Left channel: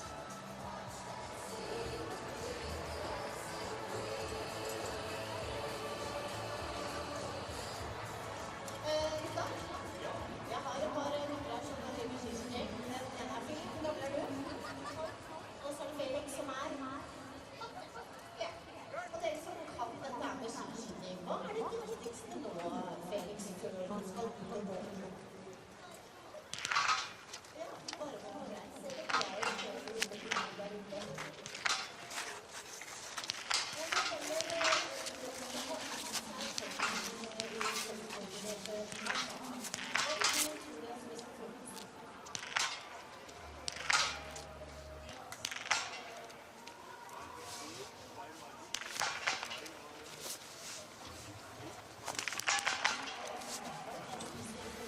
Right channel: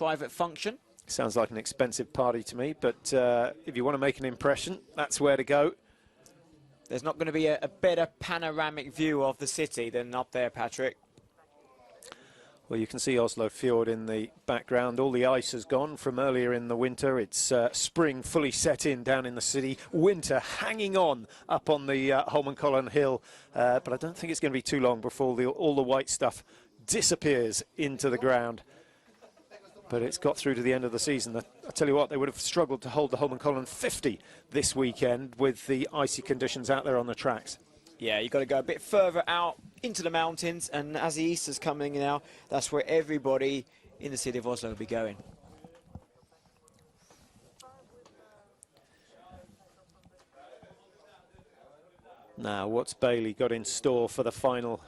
private function. Sounds like an expensive party to me, but if you want to make an impression, that's where to go. There's not going to be a better panoramic view of the city than up there, Patrick. Well, you can see Oslo Fjord in the background. All the ice has gone from earlier in the winter. It's spring fully set in down in the city. Winter hanging on up on the Holmenkollen hill. But I don't think it's going to be too long before all the white stuff disappears into the ground. But it's got through to the end of the season. I tell you what, they would have struggled to hold the Holmenkollen 50 this weekend with the icy conditions out there on the tracks. Yeah, you've got to go a bit further out into the mountains, and as the Easter's coming now, that's where everybody in the city of Oslo will be going. Now, what's Bailey got in store for the final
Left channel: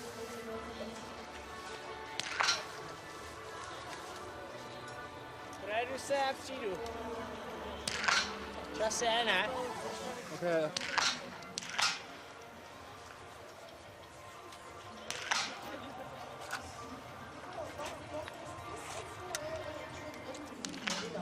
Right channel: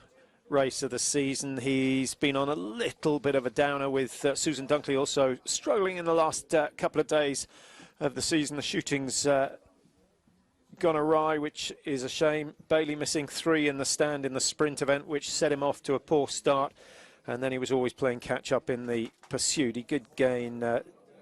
race of the season? He's been on a little bit of a downer with Susan Dunkley also struggling in the last couple of days of the season. The shooting's gone awry, which is a shame. Bailey missing 3 in the stand in the sprint event, which set him off to a poor start, and then he was always playing catch up in the pursuit. He did gain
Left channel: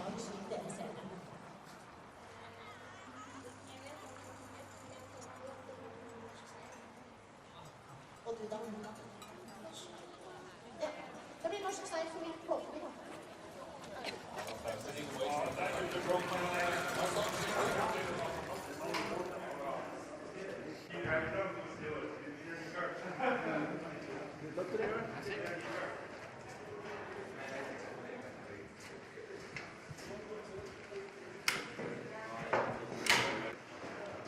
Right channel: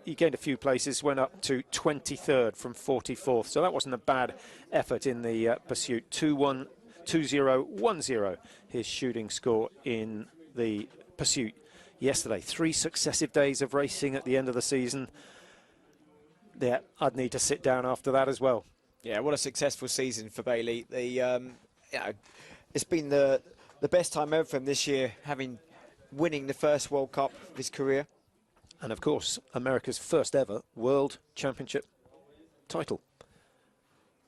he gained a few places, went up to 23rd from 44th, so that wasn't a bad effort in the pursuit. 2-0-1-0 his shooting score in the pursuit yesterday. 3 successive days of racing at the end of the season. Yeah, I'd need to sit down after that as well. Yeah, what a successful season for Bailey. You know, it's been the best time ever for him this year, winning the first World Cup of his career. And of course, America's first ever World Championship title.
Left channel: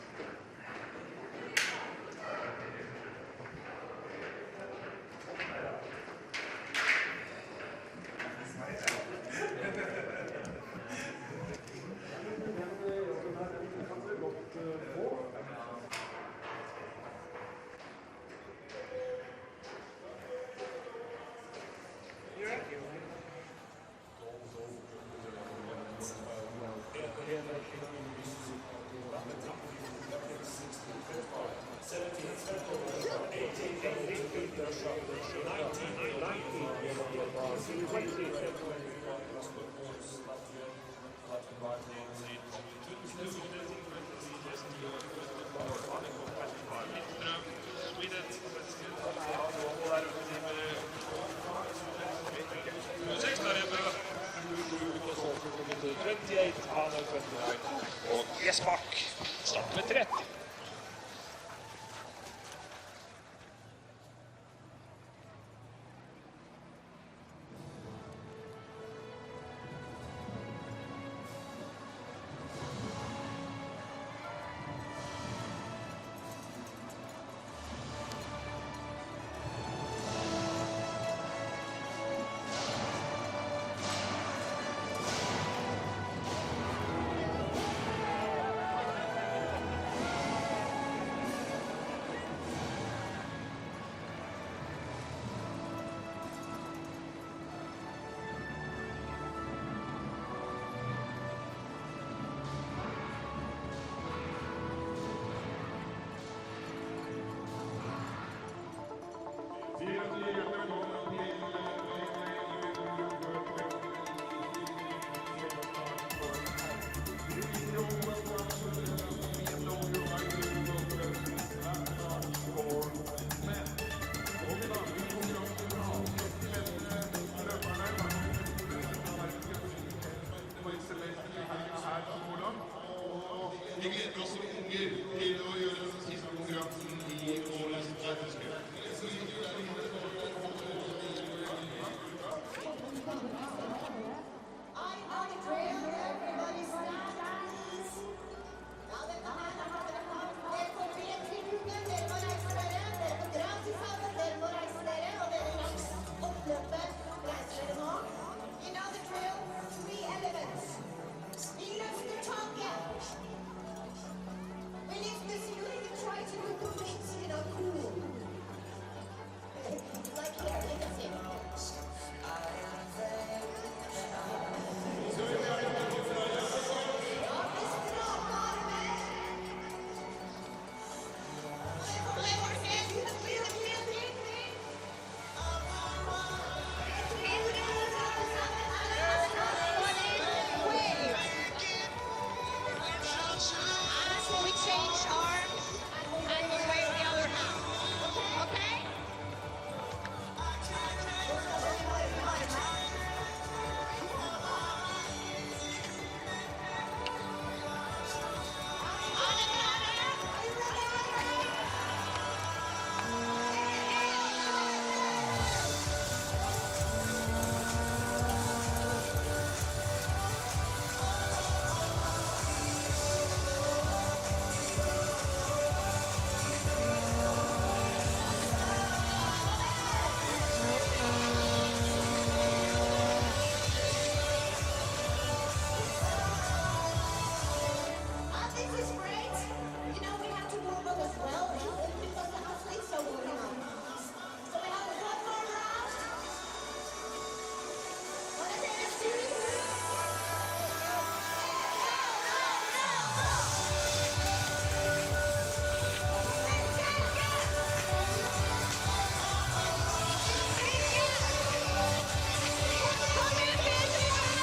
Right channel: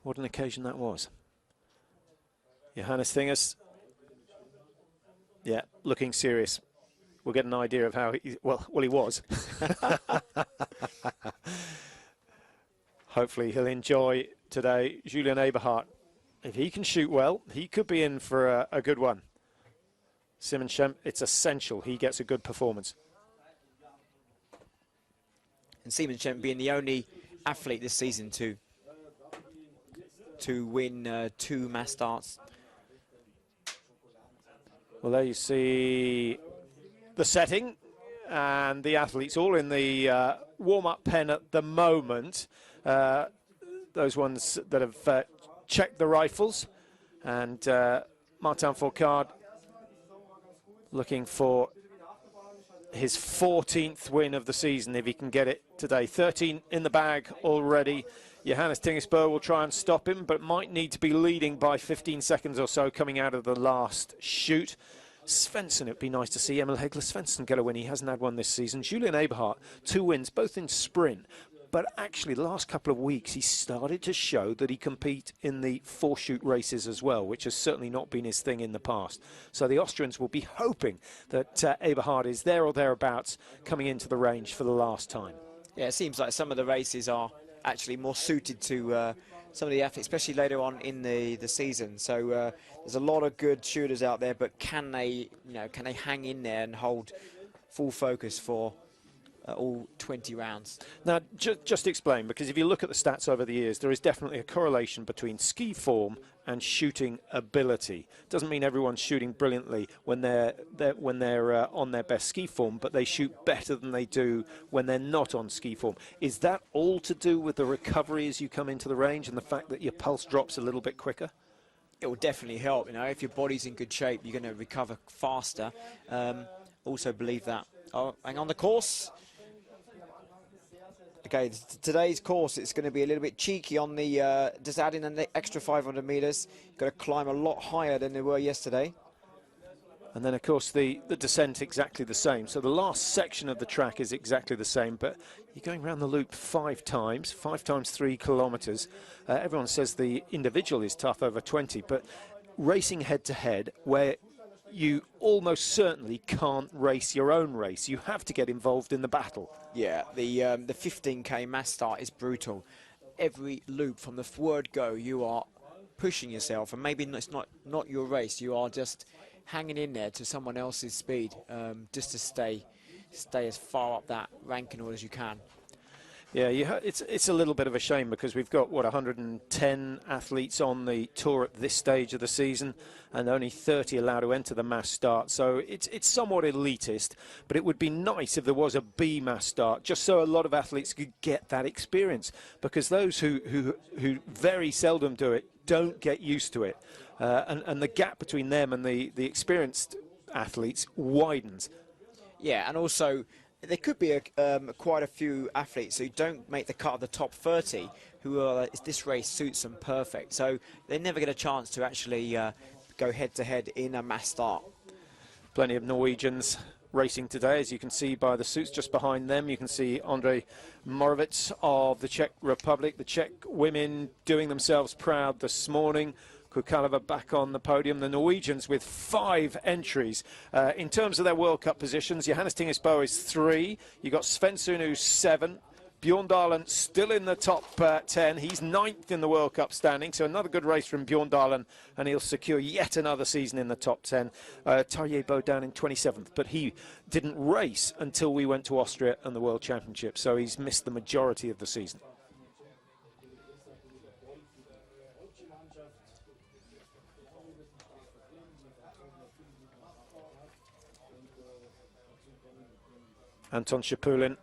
What an occasion that was. Johannes Thingers, yeah, looking serious. We'll get an idea of how he was. Hopefully he'll enjoy today. Julian Eberhardt, if he can shoot well, he could be in for a good one. Simon Schempp, it's essential he gets a good performance. Simon Schempp being the only athlete this season to win 2 mass starts. Well, there you see the setting and the athletes all in the warm-up pen at the moment. Those ones that have checked the rifles, and Martin Fourcade looking for his 14th win of the season if he can get it today. 13 in the bag already. Johannes Tingesbø will try and stop him, but might need to be leading by 15 seconds or so coming out of the last shoot. Svensson, it'd be nice to see Emil Hegler Svensson get a win. He hasn't had one this season. Julian Eberhardt, 2 wins, both in sprint. But actually, the last couple of weeks, he's started to show that he compete in the 4-shoot races as well, which has certainly not been his thing in the past. So the Austrians will be hoping that Eberhardt is there or thereabouts coming into the range for the last time. Yeah, it seems like some of the races are actually more suited to some of the athletes, especially later on in the season. So there's a lot of good shooters out there, but can they hang in there and hold full focus for all 20 rounds? Now, just explain, because if you look at the stats over the years, there is definitely a correlation between ski form and shooting ability. Doesn't mean everyone's shooting brilliantly when they're on their best ski form, but they shoot better than they do when they're not on ski form. Is that all to do with the recovery as you come into the range and the fact that your pulse drops a little bit quicker? It will definitely help. You know, if your body's in good shape, you're going to recover faster. Also believe that. Oh, hang on the course. Okay, today's course, it's going to be a little bit cheeky on the, just adding an extra 500 meters. Going to climb a lot higher than they were yesterday. And then, of course, the descent exactly the same. So the last section of the track is exactly the same, but going around the loop 5 times 3 kilometers. Everyone says the individual is tough over 20, but racing head-to-head, where you almost certainly can't race your own race. You have to get involved in the battle. Yeah, the 15K mass start is brutal. Every loop from the word go, you are pushing yourself, and maybe it's not your race. You are just hanging in there to someone else's speed, just to stay stay as far up that ranking as you can. Yeah, it's a little bit of a shame because we've got, what, 110 athletes on the tour at this stage of the season and only 30 allowed to enter the mass start. So it's somewhat elitist, but it would be nice if there was a B mass start, just so a lot of athletes could get that experience, because those who very seldom do it don't get used to it. And the gap between them and the experienced athletes widens. Yeah, and also there could be quite a few athletes who don't make the cut of the top 30 who are, this race suits them perfect, so they never get a chance to actually go head-to-head in a mass start. Plenty of Norwegians racing today, as you can see by the suits just behind them. You can see Andre Morovitz of the Czech Republic, the Czech women doing themselves proud this morning. Bukalova back on the podium, the Norwegians with 5 entries. In terms of their World Cup positions, Johannes Tingesbo is 3. You've got Svensson who's 7. Bjorn Dahlen still in the top 10. He's 9th in the World Cup standing, so another good race from Bjorn Dahlen, and he'll secure yet another season in the top 10. Tarjei Bo down in 27th, but he didn't race until we went to Austria and the World Championship, so he's missed the majority of the season. Anton Shapulin,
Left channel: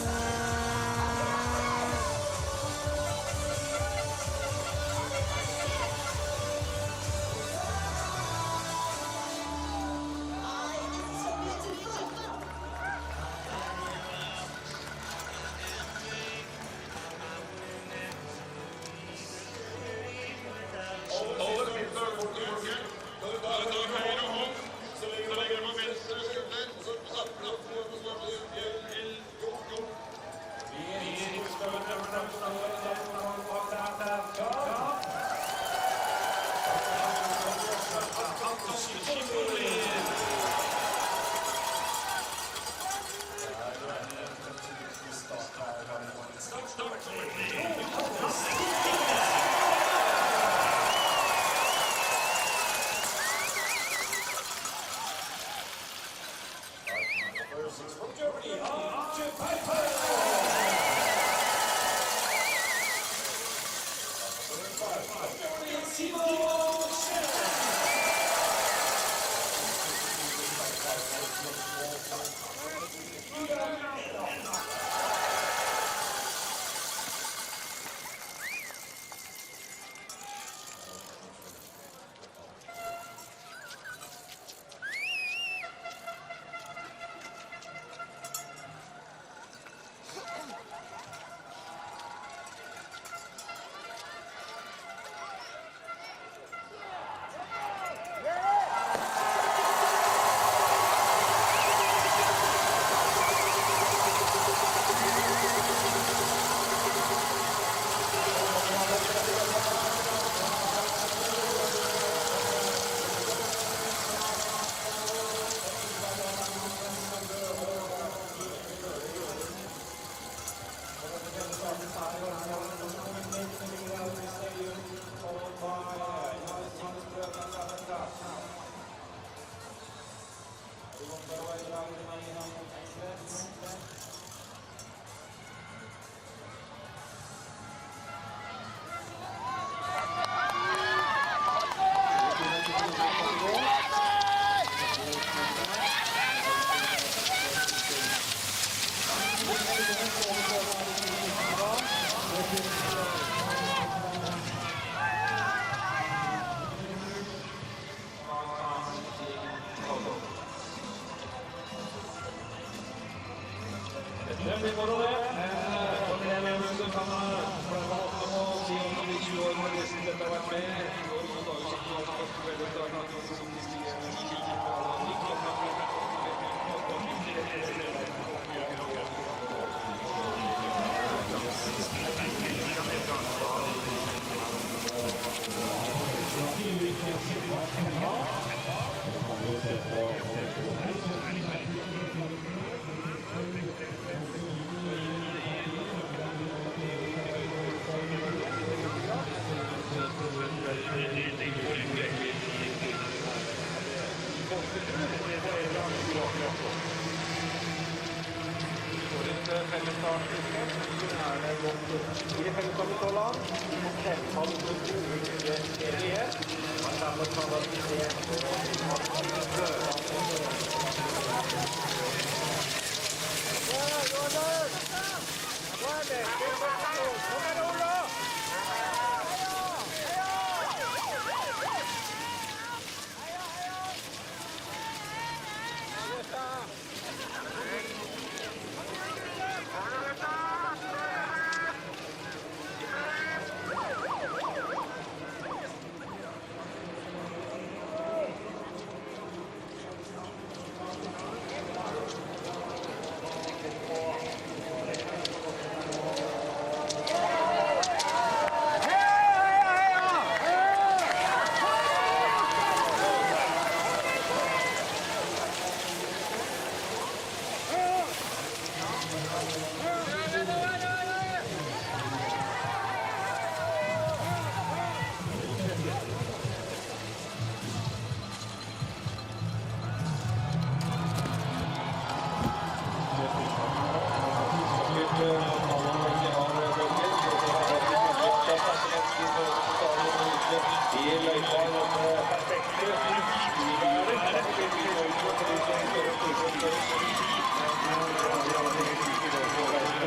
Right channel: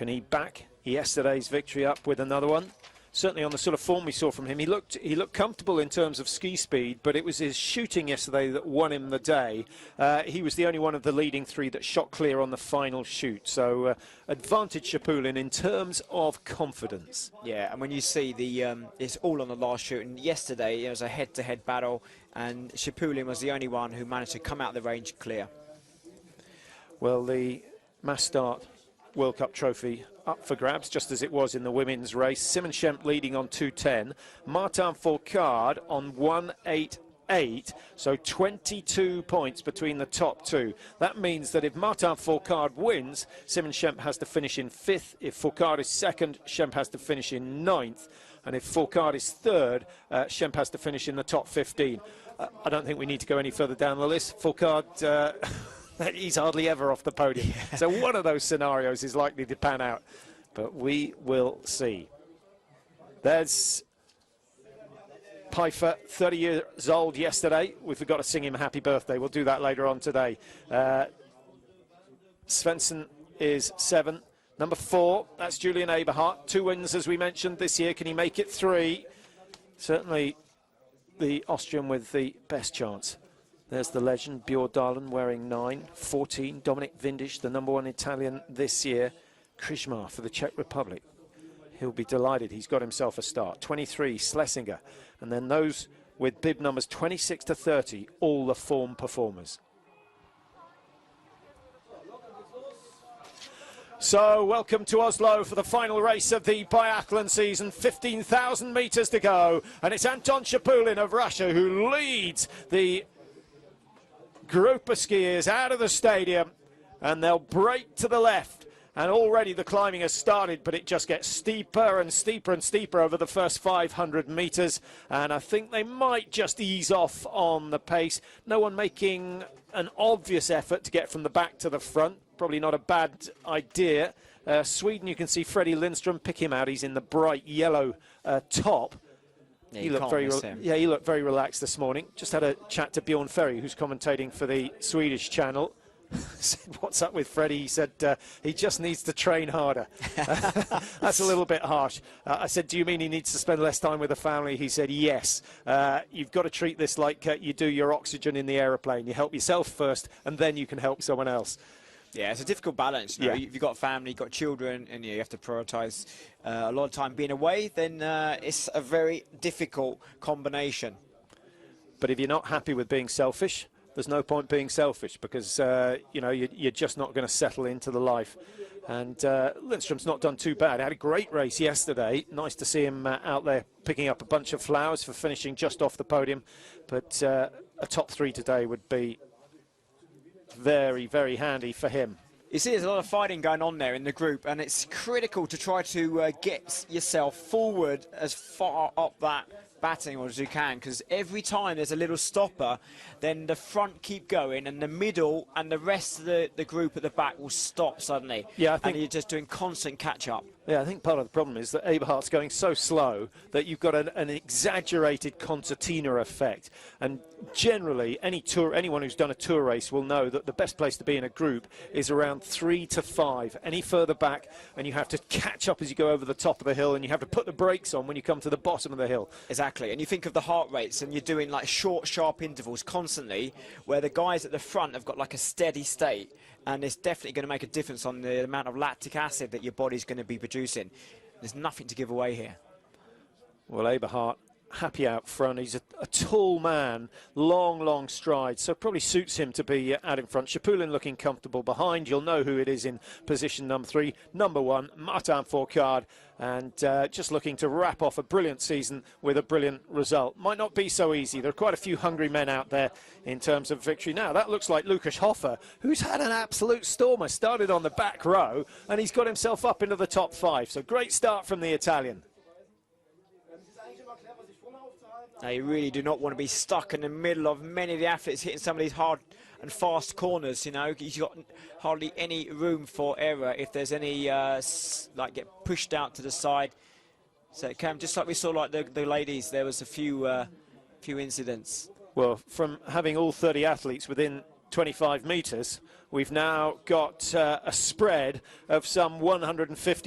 and he back yesterday's victory up with another one. Certainly on the sort of form we saw from him, he looked comfortable in terms of ski speed, but it was his shooting yesterday that won him the day. He was the only one of the leading 3 that shot clear on the final shoot, so advantage Shapulin in terms of confidence. Yeah, and when you see it's all on the last shoot, and yesterday there was a head-to-head battle, and Shapulin was the only one who managed to come out the range clear. Well, the mass start World Cup trophy up for grabs, just as it was in the women's race. Simon Schemp leading on 2:10. Martin Fourcade on 1:88. So 22 points between the top 2. That means that if Martin Fourcade wins, Simon Schemp has to finish in 5th. If Fourcade is 2nd, Schemp has to finish in 9th. And if Fourcade is 3rd, Schemp has to finish in the top 15. I don't think we need to go any further down the list. Fourcade, he's hardly ever off the podium. So one of those scenarios is likely to pan out. But we will see. There's Pfeiffer, 30 years old yesterday. We forgot to sing him happy birthday. We'll do that later on today. Svensson is 7. Number 4, that's Julian Eberhardt. 2 wins, as we mentioned, this year. Can he make it 3? Certainly the Austrian with the best chance. There's the legend, Bjorn Dahlen, wearing 9. 14, Dominic Vindisch, the #1 Italian this year. Krishmar for the Czech Republic. He'll be delighted he's got himself a start. 23, Schlesinger. And then those with bib numbers 26 to 30, all the form performers. So, welcome to Oslo for the final race of the biathlon season. 15,000 meters to go. And it's Anton Shapulin of Russia who leads the group of skiers out of the stadium, and they'll break to the left, and already the climbing has started, but it just gets steeper and steeper and steeper over the first 500 meters, and I think they might just ease off on the pace. No one making an obvious effort to get from the back to the front, probably not a bad idea. Sweden, you can see Freddie Lindström, pick him out, he's in the bright yellow top. He looked very relaxed this morning. Just had a chat to Bjorn Ferry, who's commentating for the Swedish channel. What's up with Freddie? He said he just needs to train harder. That's a little bit harsh. I said, do you mean he needs to spend less time with the family? He said, yes. You've got to treat this like you do your oxygen in the aeroplane. You help yourself first, and then you can help someone else. Yeah, it's a difficult balance. You know, you've got family, you've got children, and you have to prioritise a lot of time being away. Then it's a very difficult combination. But if you're not happy with being selfish, there's no point being selfish, because you know, you're just not going to settle into the life. And Lindström's not done too bad. He had a great race yesterday. Nice to see him out there picking up a bunch of flowers for finishing just off the podium. But a top 3 today would be very, very handy for him. You see there's a lot of fighting going on there in the group, and it's critical to try to get yourself forward as far up that batting as you can, because every time there's a little stopper, then the front keep going, and the middle and the rest of the group at the back can stop suddenly. Yeah, I think you're just doing constant catch-up. Yeah, I think part of the problem is that Eberhard's going so slow that you've got an exaggerated concertina effect. And generally, anyone who's done a tour race will know that the best place to be in a group is around 3 to 5. Any further back, and you have to catch up as you go over the top of the hill, and you have to put the brakes on when you come to the bottom of the hill. Exactly, and you think of the heart rates, and you're doing like short, sharp intervals constantly, where the guys at the front have got like a steady state, and it's definitely going to make a difference on the amount of lactic acid that your body's going to be producing. There's nothing to give away here. Well, Eberhard happy out front. He's a tall man, long stride, so it probably suits him to be out in front. Chapulin looking comfortable behind. You'll know who it is in position number 3. Number 1, Martin Fourcade, and just looking to wrap off a brilliant season with a brilliant result. Might not be so easy. There are quite a few hungry men out there in terms of victory. Now, that looks like Lucas Hoffer, who's had an absolute stormer. Started on the back row, and he's got himself up into the top 5. So great start from the Italian. You really do not want to be stuck in the middle of many of the athletes hitting some of these hard and fast corners, you know. He's got hardly any room for error if there's any push down to the side. So just like we saw like the ladies, there was a few incidents. Well, from having all 30 athletes within 25 metres, we've now got a spread of some 150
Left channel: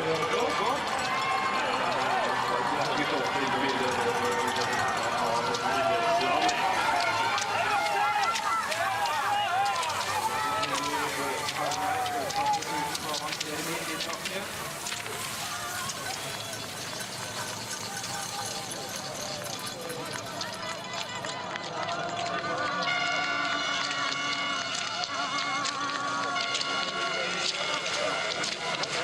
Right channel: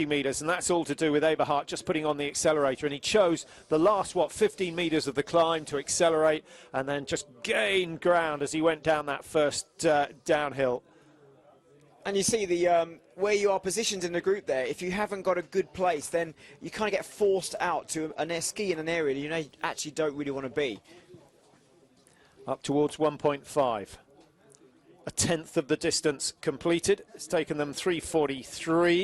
metres, and that's all to do with Eberhard just putting on the accelerator. And he chose the last, 15 metres of the climb to accelerate, and then just gain ground as he went down that first downhill. And you see the where you are positioned in the group there, if you haven't got a good place, then you kind of get forced out to an ski in an area you know, actually don't really want to be. Up towards 1.5. A tenth of the distance completed. It's taken them 3:43.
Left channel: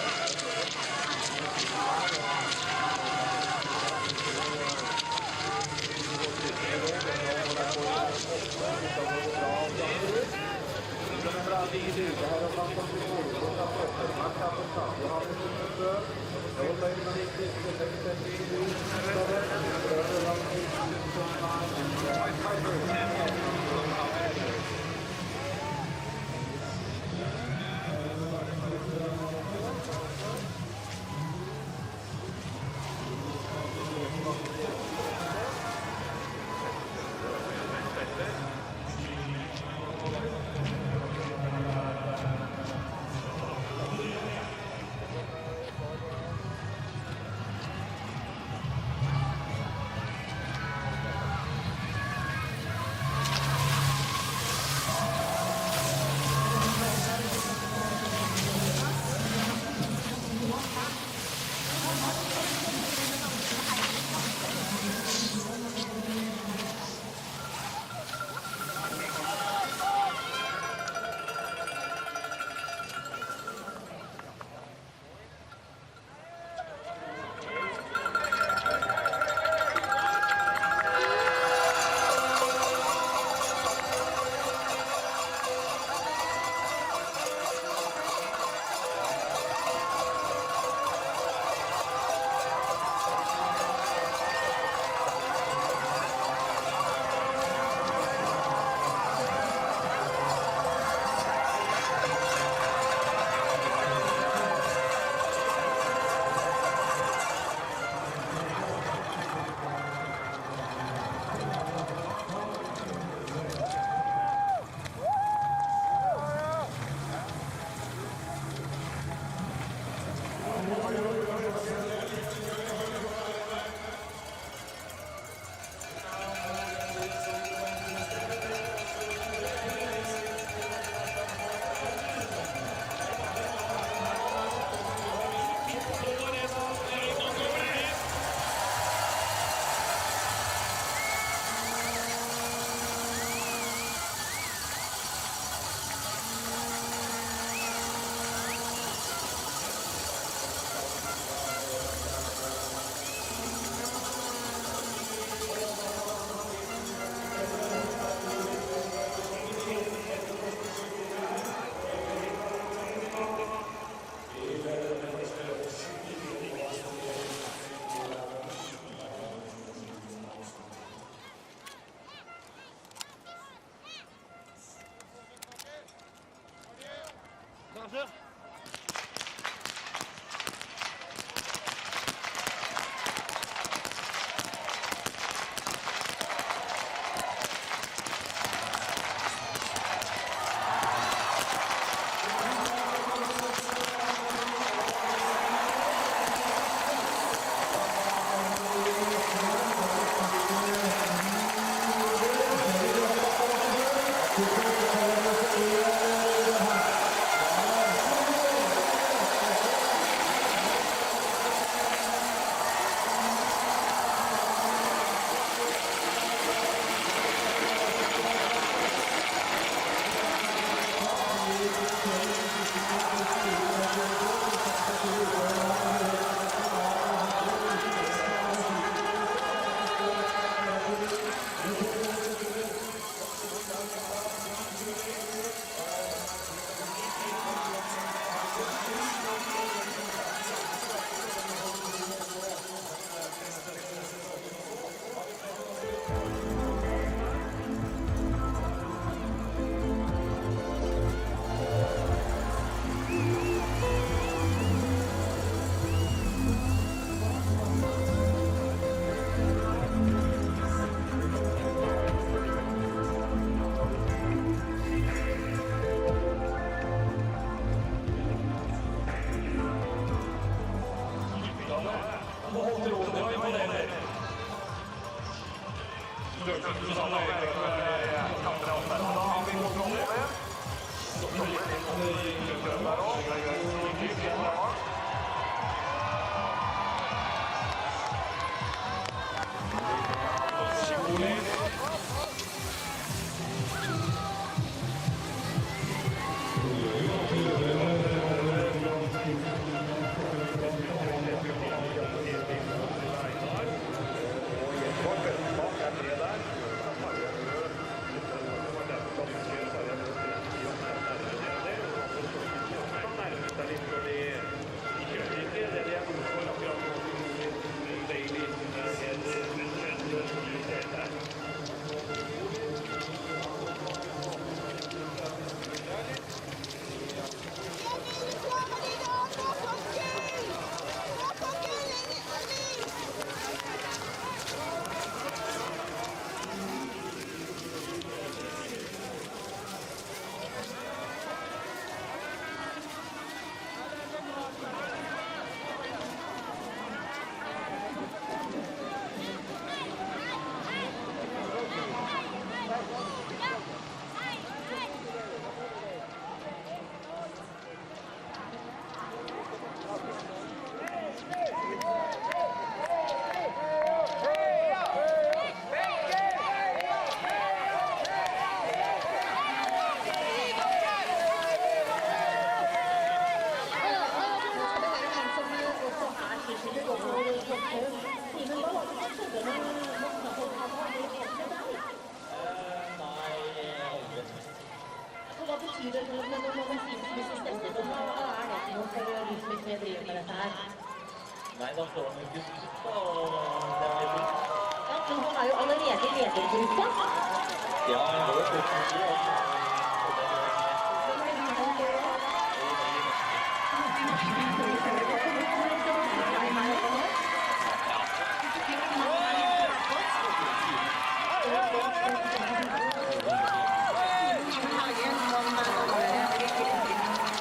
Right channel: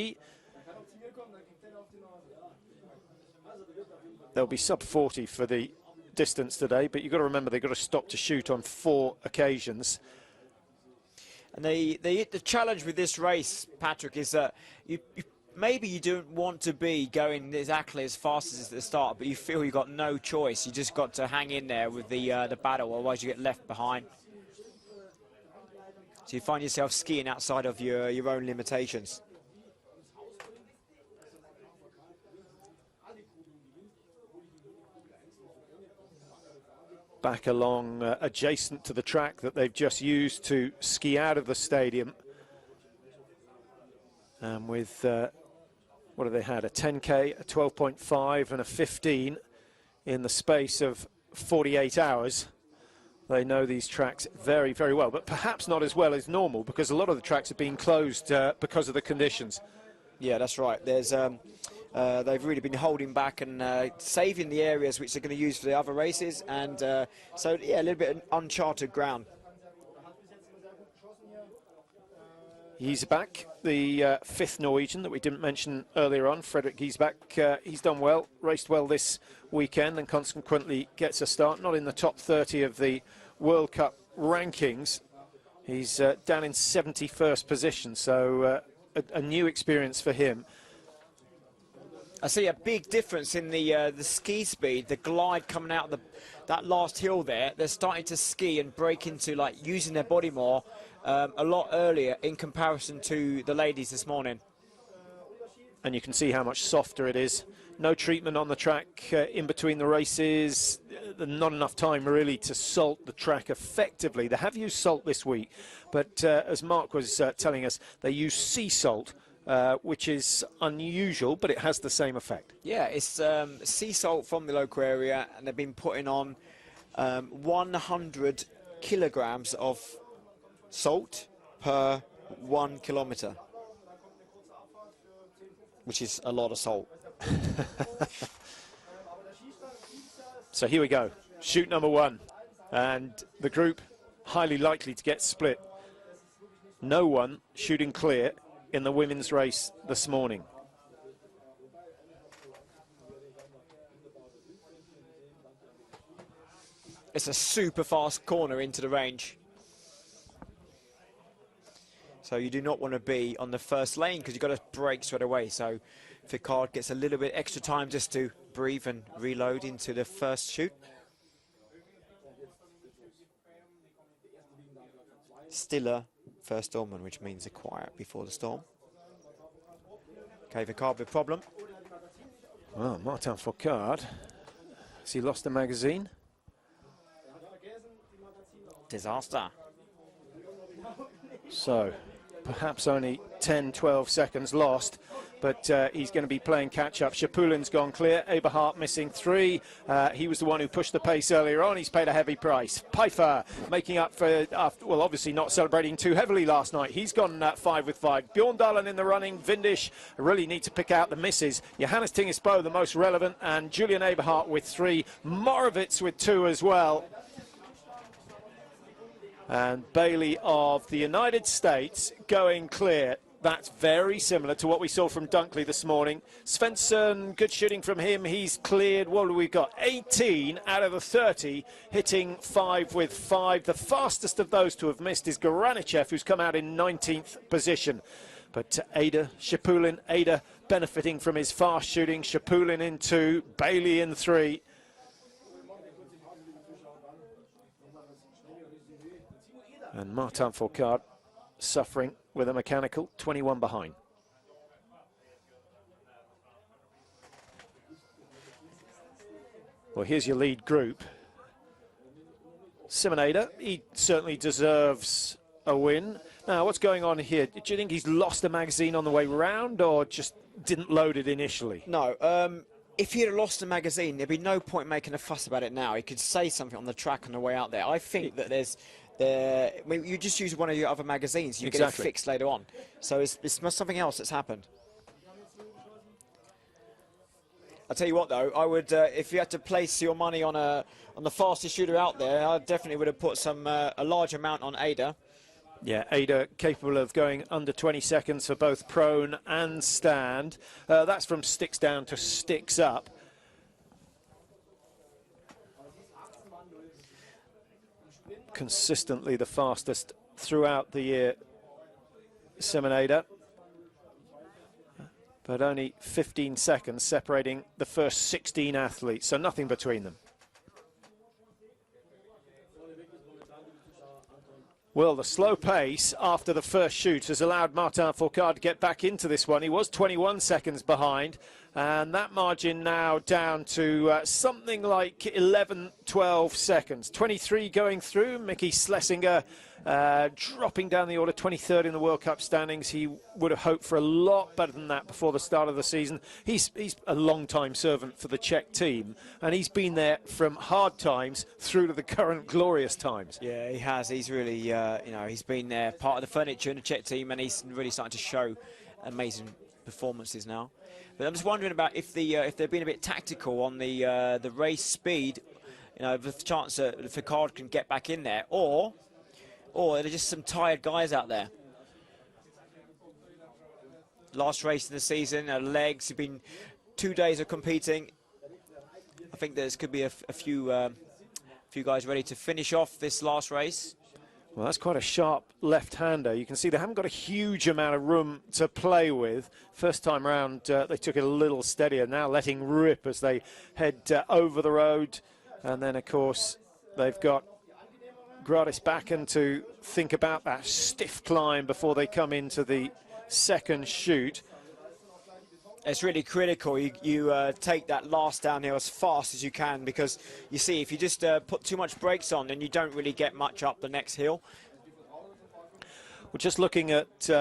They'll be sub 40 for the distance today, but you've got to remember they've got to stop to shoot on 4 occasions. The challenge with this race, Patrick, is that maybe you don't want to be going exactly as fast as the start, but you feel you've got no choice. You just got to hang in there with the battle, otherwise you get left behind. So you find yourself skiing outside of your own limitations. Back along adjacent to the track that they've just used to ski out of the stadium. And with, what have they had, a 10K, a 12.5 and a 15 in the space of 48 hours. They know these tracks very, very well, but perhaps not as well as normal, because a lot of the tracks have been closed because of the conditions. Yeah, that's right. There's they've really been holding back and saving the areas which they're going to use for the other races, and so yeah, a little bit of uncharted ground. Giesbach, the 5th Norwegian that we didn't mention earlier on, Fredrik Giesbach, he's done well, raced well this weekend, and consequently gets a start, not in the top 30 of the World Cup rankings. He's down in 71st position, so a new experience for him. I see a big difference in the ski speed, the glide coming out of that last hill there. They're starting to ski and break into, like, using their body more a lot earlier in comparison to the ladies this morning. And you can see how much softer it is. No treatment on the track in between the races. Not enough time really to salt the track effectively. They have used salt this week, but as Mark was telling us, they use sea salt, which is unusual, but it has the same effect. Yeah, it's sea salt from the local area, and they've been putting on 100 kilograms of salt per 1 kilometre, which is a lot of salt. So here we go, shoot number 1, and the group highly likely to get split. No one shooting clear in the women's race this morning. It's a super fast corner into the range. you do not want to be on the first lane because you've got to break straight away. So Picard gets a little bit extra time just to breathe and reload into the first shoot. Still a first storm, which means a quiet before the storm. Okay, Picard with problem. Oh, Martin Foucault. Has he lost the magazine? He's half that. So, perhaps only 10, 12 seconds lost, but he's going to be playing catch-up. Shapulin's gone clear, Eberhardt missing 3. He was the one who pushed the pace earlier on. He's paid a heavy price. Piper making up for, well, obviously not celebrating too heavily last night. He's gone 5 with 5. Jordan in the running. Vindish really need to pick out the misses. Johannes Tingesbo the most relevant, and Julian Eberhardt with 3. Moravitz with 2 as well. And Bailey of the United States going clear. That's very similar to what we saw from Dunkley this morning. Spencer, good shooting from him. He's cleared, what have we got? 18 out of the 30, hitting 5 with 5. The fastest of those to have missed is Goranichev, who's come out in 19th position. But Ada, Shapulin, Ada benefiting from his fast shooting. Shapulin in 2, Bailey in 3. Martin Foucault suffering with a mechanical, 21 behind. Well, here's your lead group. Simonada, he certainly deserves a win. Now, what's going on here? Do you think he's lost a magazine on the way round, or just didn't load it initially? No, if he had lost a magazine, there'd be no point making a fuss about it now. He could say something on the track on the way out there. I think that you just use one of your other magazines and you get it fixed later on. So it's something else that's happened. I'll tell you what though, I would, if you had to place your money on the fastest shooter out there, I definitely would have put a large amount on Ada. Yeah, Ada capable of going under 20 seconds for both prone and stand. That's from sticks down to sticks up. Consistently the fastest throughout the year, Simonada. With only 15 seconds separating the first 16 athletes, so nothing between them. Well, the slow pace after the first shoot has allowed Martin Foucault to get back into this one. He was 21 seconds behind, and that margin now down to something like 11, 12 seconds. 23 going through. Mickey Schlesinger dropping down the order, 23rd in the World Cup standings. He would have hoped for a lot better than that before the start of the season. He's a long-time servant for the Czech team, and he's been there from hard times through the current glorious times. Yeah, he has. He's really, you know, he's been there, part of the furniture in the Czech team, and he's really starting to show amazing performances now. But I was wondering about if they've been a bit tactical on the race speed, you know, with the chance that Foucault can get back in there, or there's just some tired guys out there. Last race in the season, legs have been 2 days of competing. I think there could be a few guys ready to finish off this last race. Well, that's quite a sharp left-hander. You can see they haven't got a huge amount of room to play with. First time round, they took it a little steadier. Now letting rip as they head over the road. And then, of course, they've got Gradis Bakken to think about that stiff climb before they come into the second shoot. It's really critical you take that last downhill as fast as you can, because you see if you just put too much brakes on, then you don't really get much up the next hill. Just looking at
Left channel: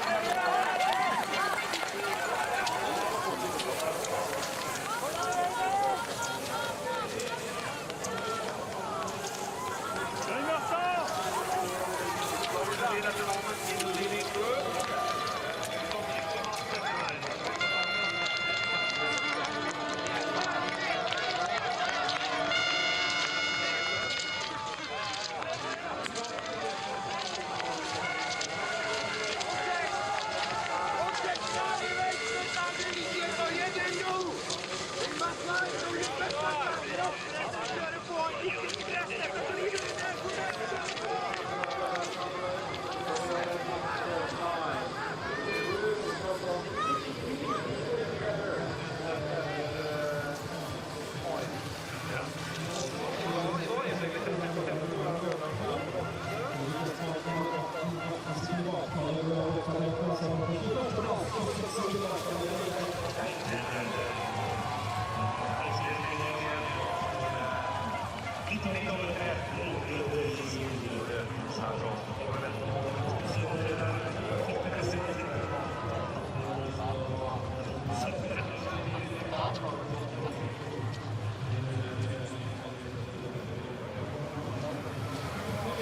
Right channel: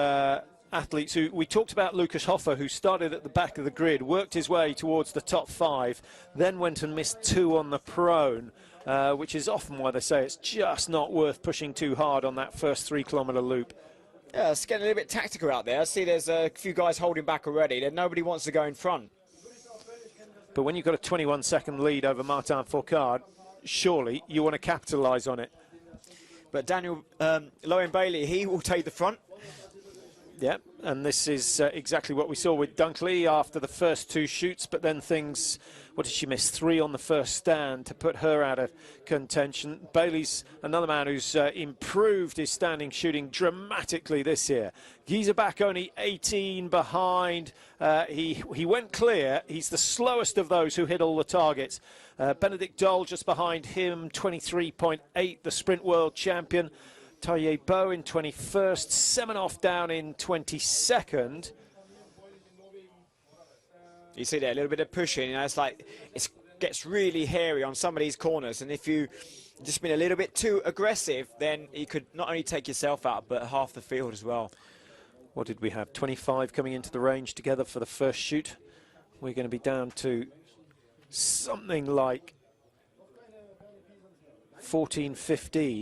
athletes who we talked about, Lucas Hoffer, who started at the back of the grid, worked his way towards the top 5, then went and missed 2 on the pro, which is often why they say it's just not worth pushing too hard on that first 3-kilometre loop. Yeah, it's getting a little bit tactical out there. I see there's a few guys holding back already. Nobody wants to go in front. But when you've got a 21-second lead over Martin Foucault, surely you want to capitalise on it. But Daniel Lowen Bailey, he will take the front. Yeah, and this is exactly what we saw with Dunkley after the first 2 shoots, but then things, what did she miss? 3 on the first stand to put her out of contention. Bailey's another man who's improved his standing shooting dramatically this year. Giesebach only 18 behind. He went clear. He's the slowest of those who hit all the targets. Benedict Dole just behind him, 23.8, the sprint world champion. Terrier Beau in 21st, Semenov down in 22nd. You see there a little bit of pushing, and it's like it gets really hairy on some of these corners, and if you just been a little bit too aggressive, then you could not only take yourself out, but half the field as well. What did we have? 25 coming into the range together for the first shoot. We're going to be down to something like 14, 15.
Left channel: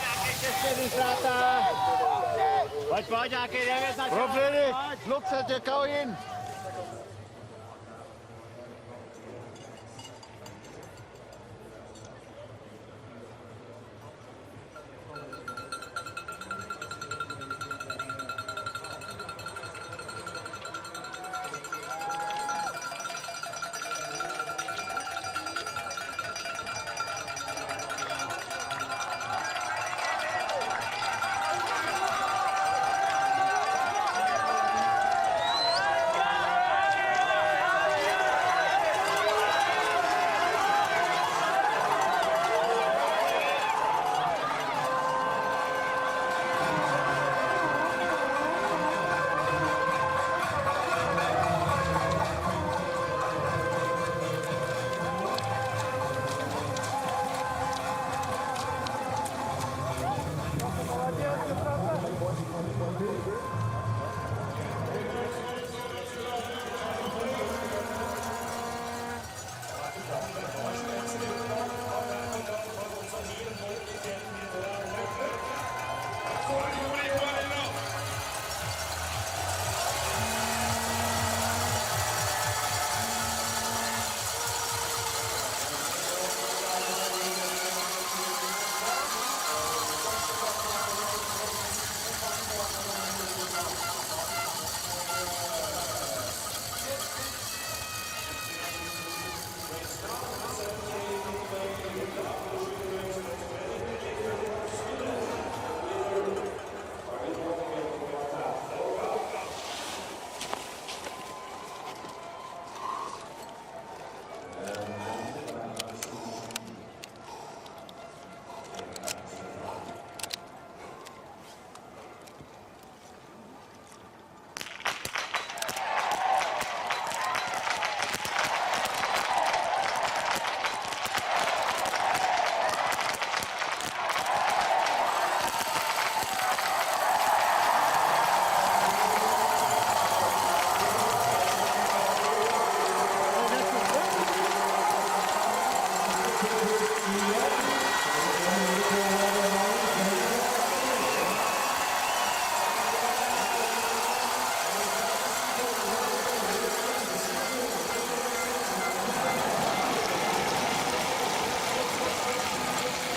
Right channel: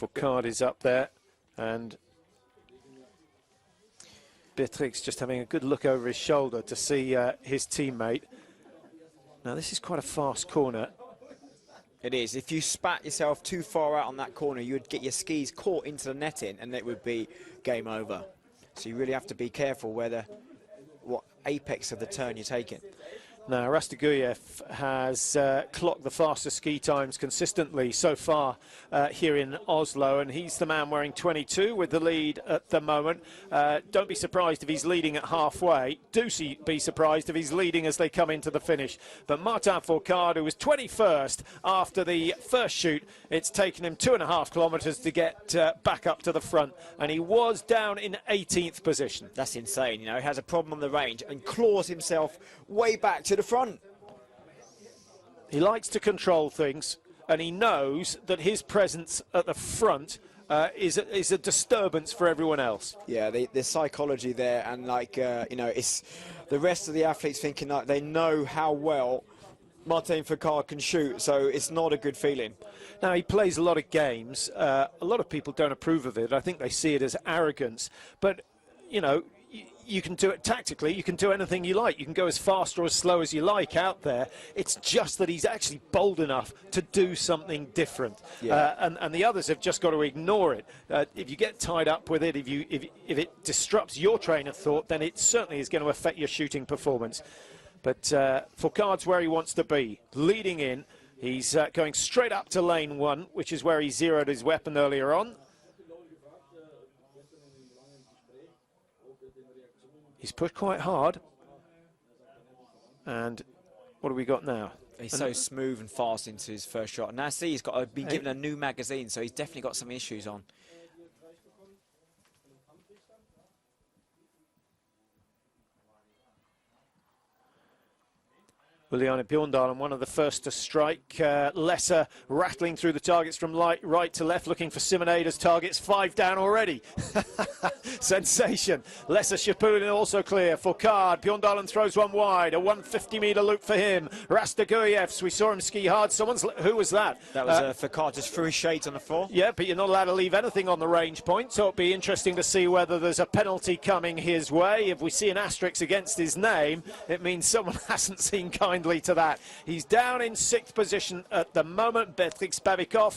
The card is up there, and Dietrich's just having a good look over his shoulder to see his teammate. Now this is quite a fast corner. It is. If you spat yourself too far out on that corner, you would get your skis caught into the netting, and it would be game over. So you really have to be careful what apex of the turn you're taking. Now Rastaguyev has clocked the fastest ski times consistently so far here in Oslo, and he's the man wearing 22 with the lead at the moment. Don't be surprised if he's leading at halfway. Do be surprised if he's leading as they come into the finish. But Martin Fourcade, who was 21st after the first shoot, it's taken him 2.5 kilometres to get back up to the front, and he was down in 18th position. That's insane. Now he has a problem with the range and claws himself way back to the front. He likes to control things, and he knows that his presence at the front is a disturbance for everyone else. Yeah, the psychology there, and like you know, it's the rest of the athletes thinking that they know how well Martin Fourcade can shoot, so it's not a good feeling. Now he plays a lot of games. A lot of people don't approve of it. I think they see it as arrogance, but you know, you can do it tactically, you can do anything you like, you can go as fast or as slow as you like out there. It's just that he's actually bold enough to do something different. Yeah. And the others have just got to ignore it. If you get tied up with it, if it disrupts your train of thought, then it certainly is going to affect your shooting performance. But Fourcade's where he wants to be, leading in. He's going straight up to lane 1, which is where he zeroed his weapon earlier on. Put quite hard, and what have we got now? He's so smooth and fast into his first shot. Now see, he's got been given a new magazine, so he's definitely got some issues on. Juliana Bjorndalen, one of the first to strike. Lesser rattling through the targets from right to left, looking for Simoneda's targets. 5 down already. Sensation. Lesser Shapulin also clear. Fourcade, Bjorndalen throws one wide. A 150-metre look for him. Rastaguyev, we saw him ski hard. Who was that? Fourcade was through shade to the floor. Yeah, but you're not allowed to leave anything on the range point, so it'll be interesting to see whether there's a penalty coming his way. If we see an asterisk against his name, it means someone hasn't seen kindly to that. He's down in 6th position at the moment. There's Fix Badikov.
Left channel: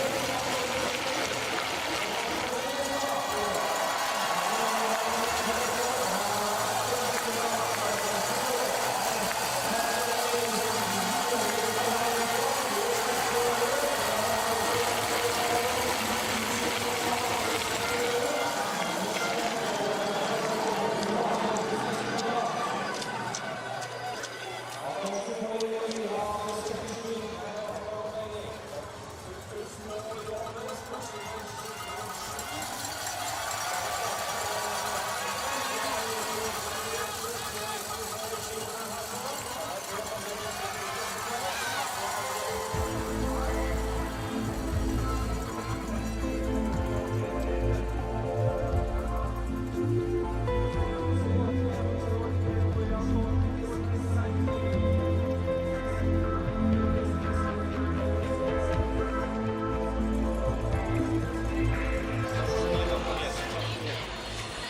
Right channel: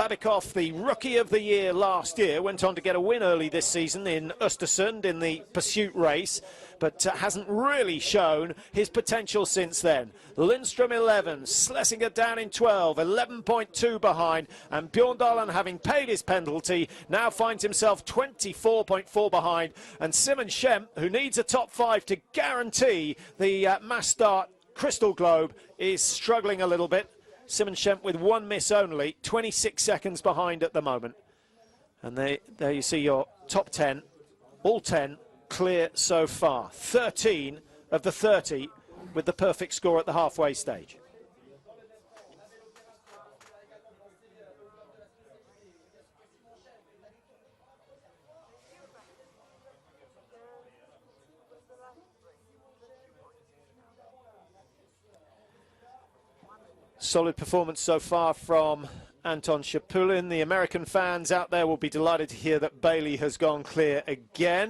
Badikov, the rookie of the year last year, went on to get a win early this season in Östersund in the pursuit race, but hasn't really shown his potential since then. Lindström 11, Schlesinger down in 12, 11.2 behind, and Bjorndalen, having paid his penalty, now finds himself 24.4 behind, and Simon Schempp, who needs a top 5 to guarantee the mass start Crystal Globe, is struggling a little bit. Simon Schempp with 1 miss only, 26 seconds behind at the moment. And there you see your top 10, all 10 clear so far. 13 of the 30 with the perfect score at the halfway stage. Solid performance so far from Anton Shapulin. The American fans out there will be delighted to hear that Bailey has gone clear again.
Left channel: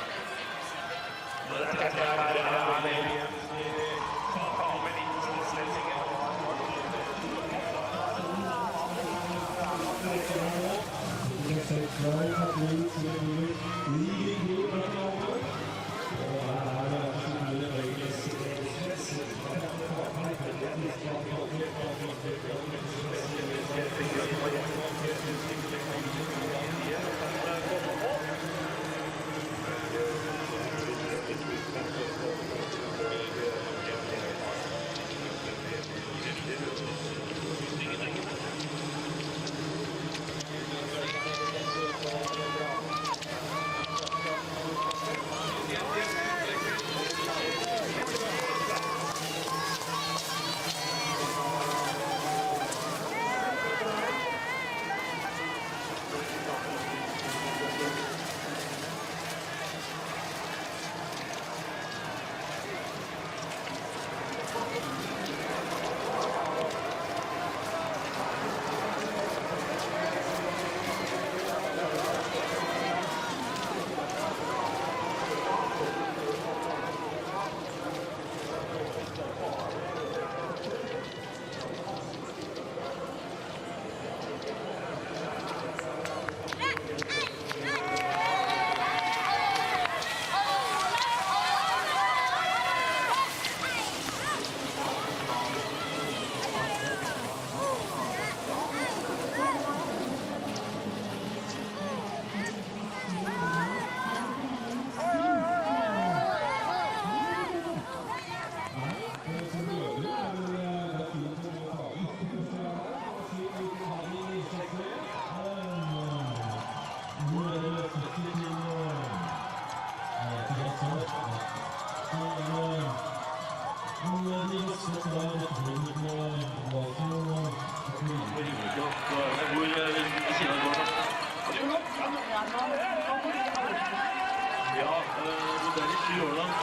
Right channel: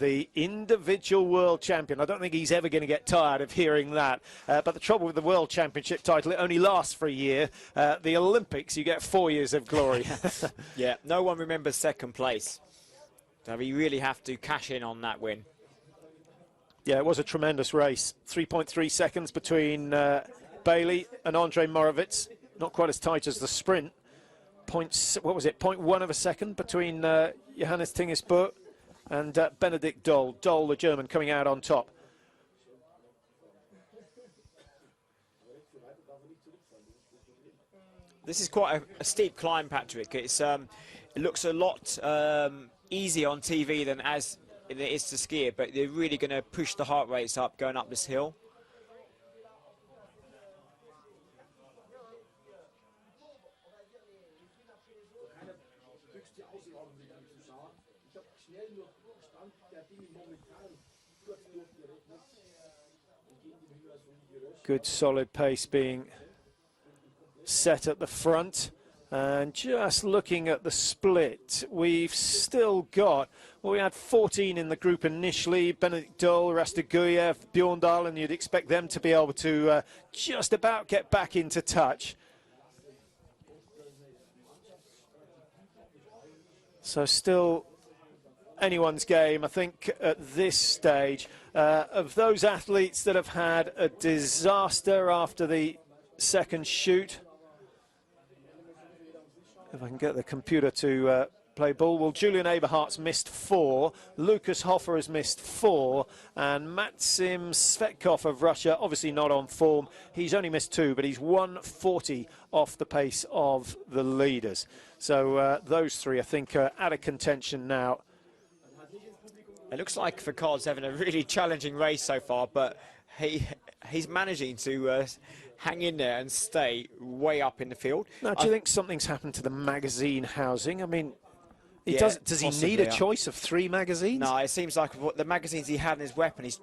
The individual world champion. I don't think he's ever going to get tired of hearing that. But the trouble with the world championship title, it only lasts for a year. The Olympics, you get 4 years of glory. Yeah, no one remembers second place. We really have to cash in on that win. Yeah, it was a tremendous race. 3.3 seconds between Bailey and Andre Morovitz. Not quite as tight as the sprint. What was it, 0.1 of a second between Johannes Tingesburg and Benedikt Doll. Doll, the German, coming out on top. This is quite a steep climb, Patrick. It looks a lot easier on TV than as it is to ski it, but you're really going to push the heart rates up going up this hill. Good solid pace being set at the front. And just looking at the split, we've still got, we had 14 in the group initially, Benedikt Doll, Rastaguyev, Bjorndal, and you'd expect them to be able to just about get back into touch. So still anyone's game, I think, at this stage. Of those athletes that have had a disaster after the second shoot, get the computer to play ball. Well, Julian Eberhardt's missed 4, Lucas Hofer has missed 4, and Maxim Svetkov of Russia, obviously not on form. He's only missed 2, but he's 140 off the pace of the leaders. So those 3, I think, are out of contention now. It looks like Ficard's having a really challenging race so far, but he's managing to hang in there and stay way up in the field. Now, do you think something's happened to the magazine housing? I mean, does he need a choice of 3 magazines? No, it seems like what the magazines he had as weapons,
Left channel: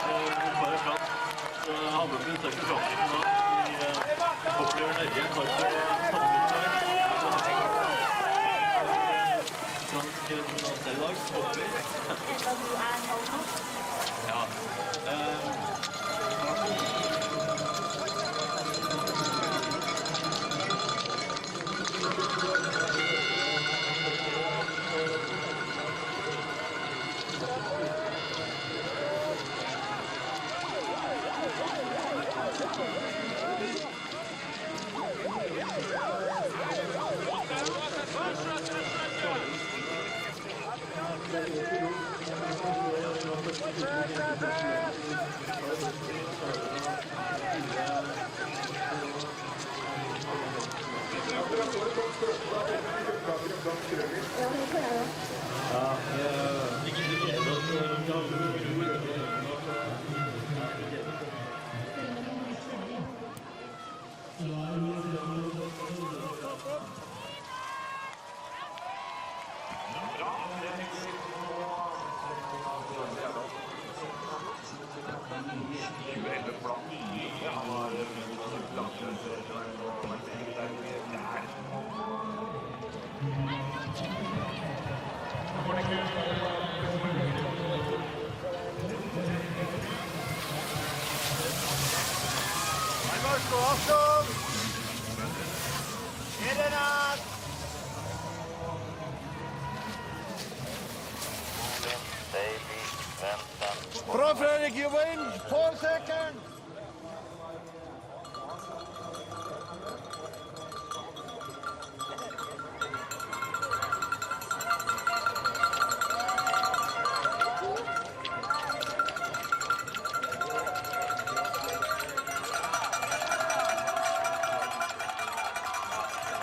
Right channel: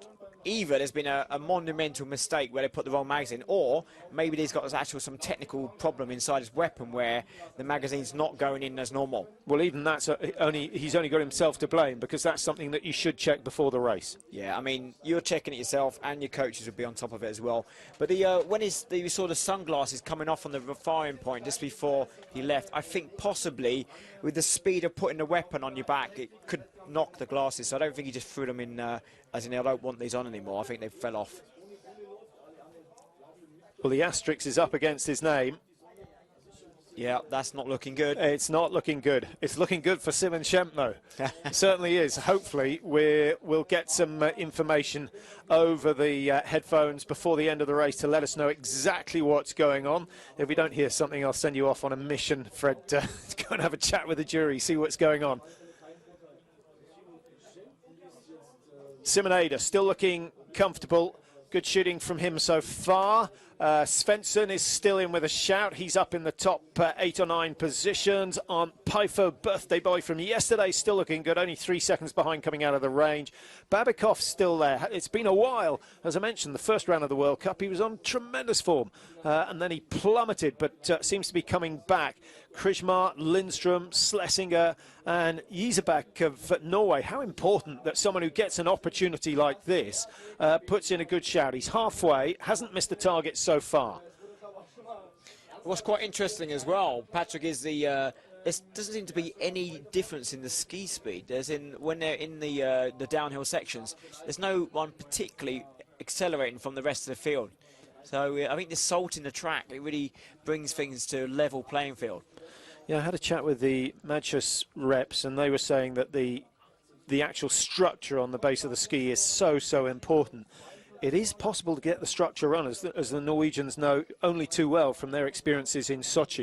either there's been a monumental mistake where they put the wrong magazine, or maybe there's got actually some technical problem inside his weapon where the magazine's not going in as normal. Well, even that's he's only got himself to blame, because that's something that you should check before the race. Yeah, I mean, you're checking it yourself, and your coach will be on top of it as well. But when he saw the sunglasses coming off from the confinement point just before he left, I think possibly with the speed of putting a weapon on your back, it could knock the glasses. So I don't think he just threw them in as an elbow, want these on anymore. I think they fell off. Well, the asterisk is up against his name. Yeah, that's not looking good. It's not looking good. It's looking good for Simon Schempner. It certainly is. Hopefully, we'll get some information over the headphones before the end of the race to let us know exactly what's going on. If we don't hear something, I'll send you off on a mission, Fred, to go and have a chat with the jury, see what's going on. Simon Eder still looking comfortable. Good shooting from him so far. Svensson is still in with a shout. He's up in the top 8 or 9 positions. On Pyfo, birthday boy from yesterday, still looking good, only 3 seconds behind coming out of the range. Babikov's still there. It's been a while. As I mentioned, the first round of the World Cup, he was on tremendous form. And then he plummeted, but seems to be coming back. Krishmar, Lindström, Schlesinger, and Isebak of Norway. How important that someone who gets an opportunity like this puts in a good shout. He's halfway, hasn't missed a target so far. What's quite interesting as well, Patrick, is there doesn't seem to be any difference in the ski speed. When they're in the downhill sections, there's no one particularly accelerating from the rest of the field. So I think the salt in the track, it really brings things to a level playing field. Yeah, I had a chat with the Matches reps, and they were saying that the actual structure on the base of the ski is so important. It is possible to get the structure run, as the Norwegians know only too well from their experiences in Sochi.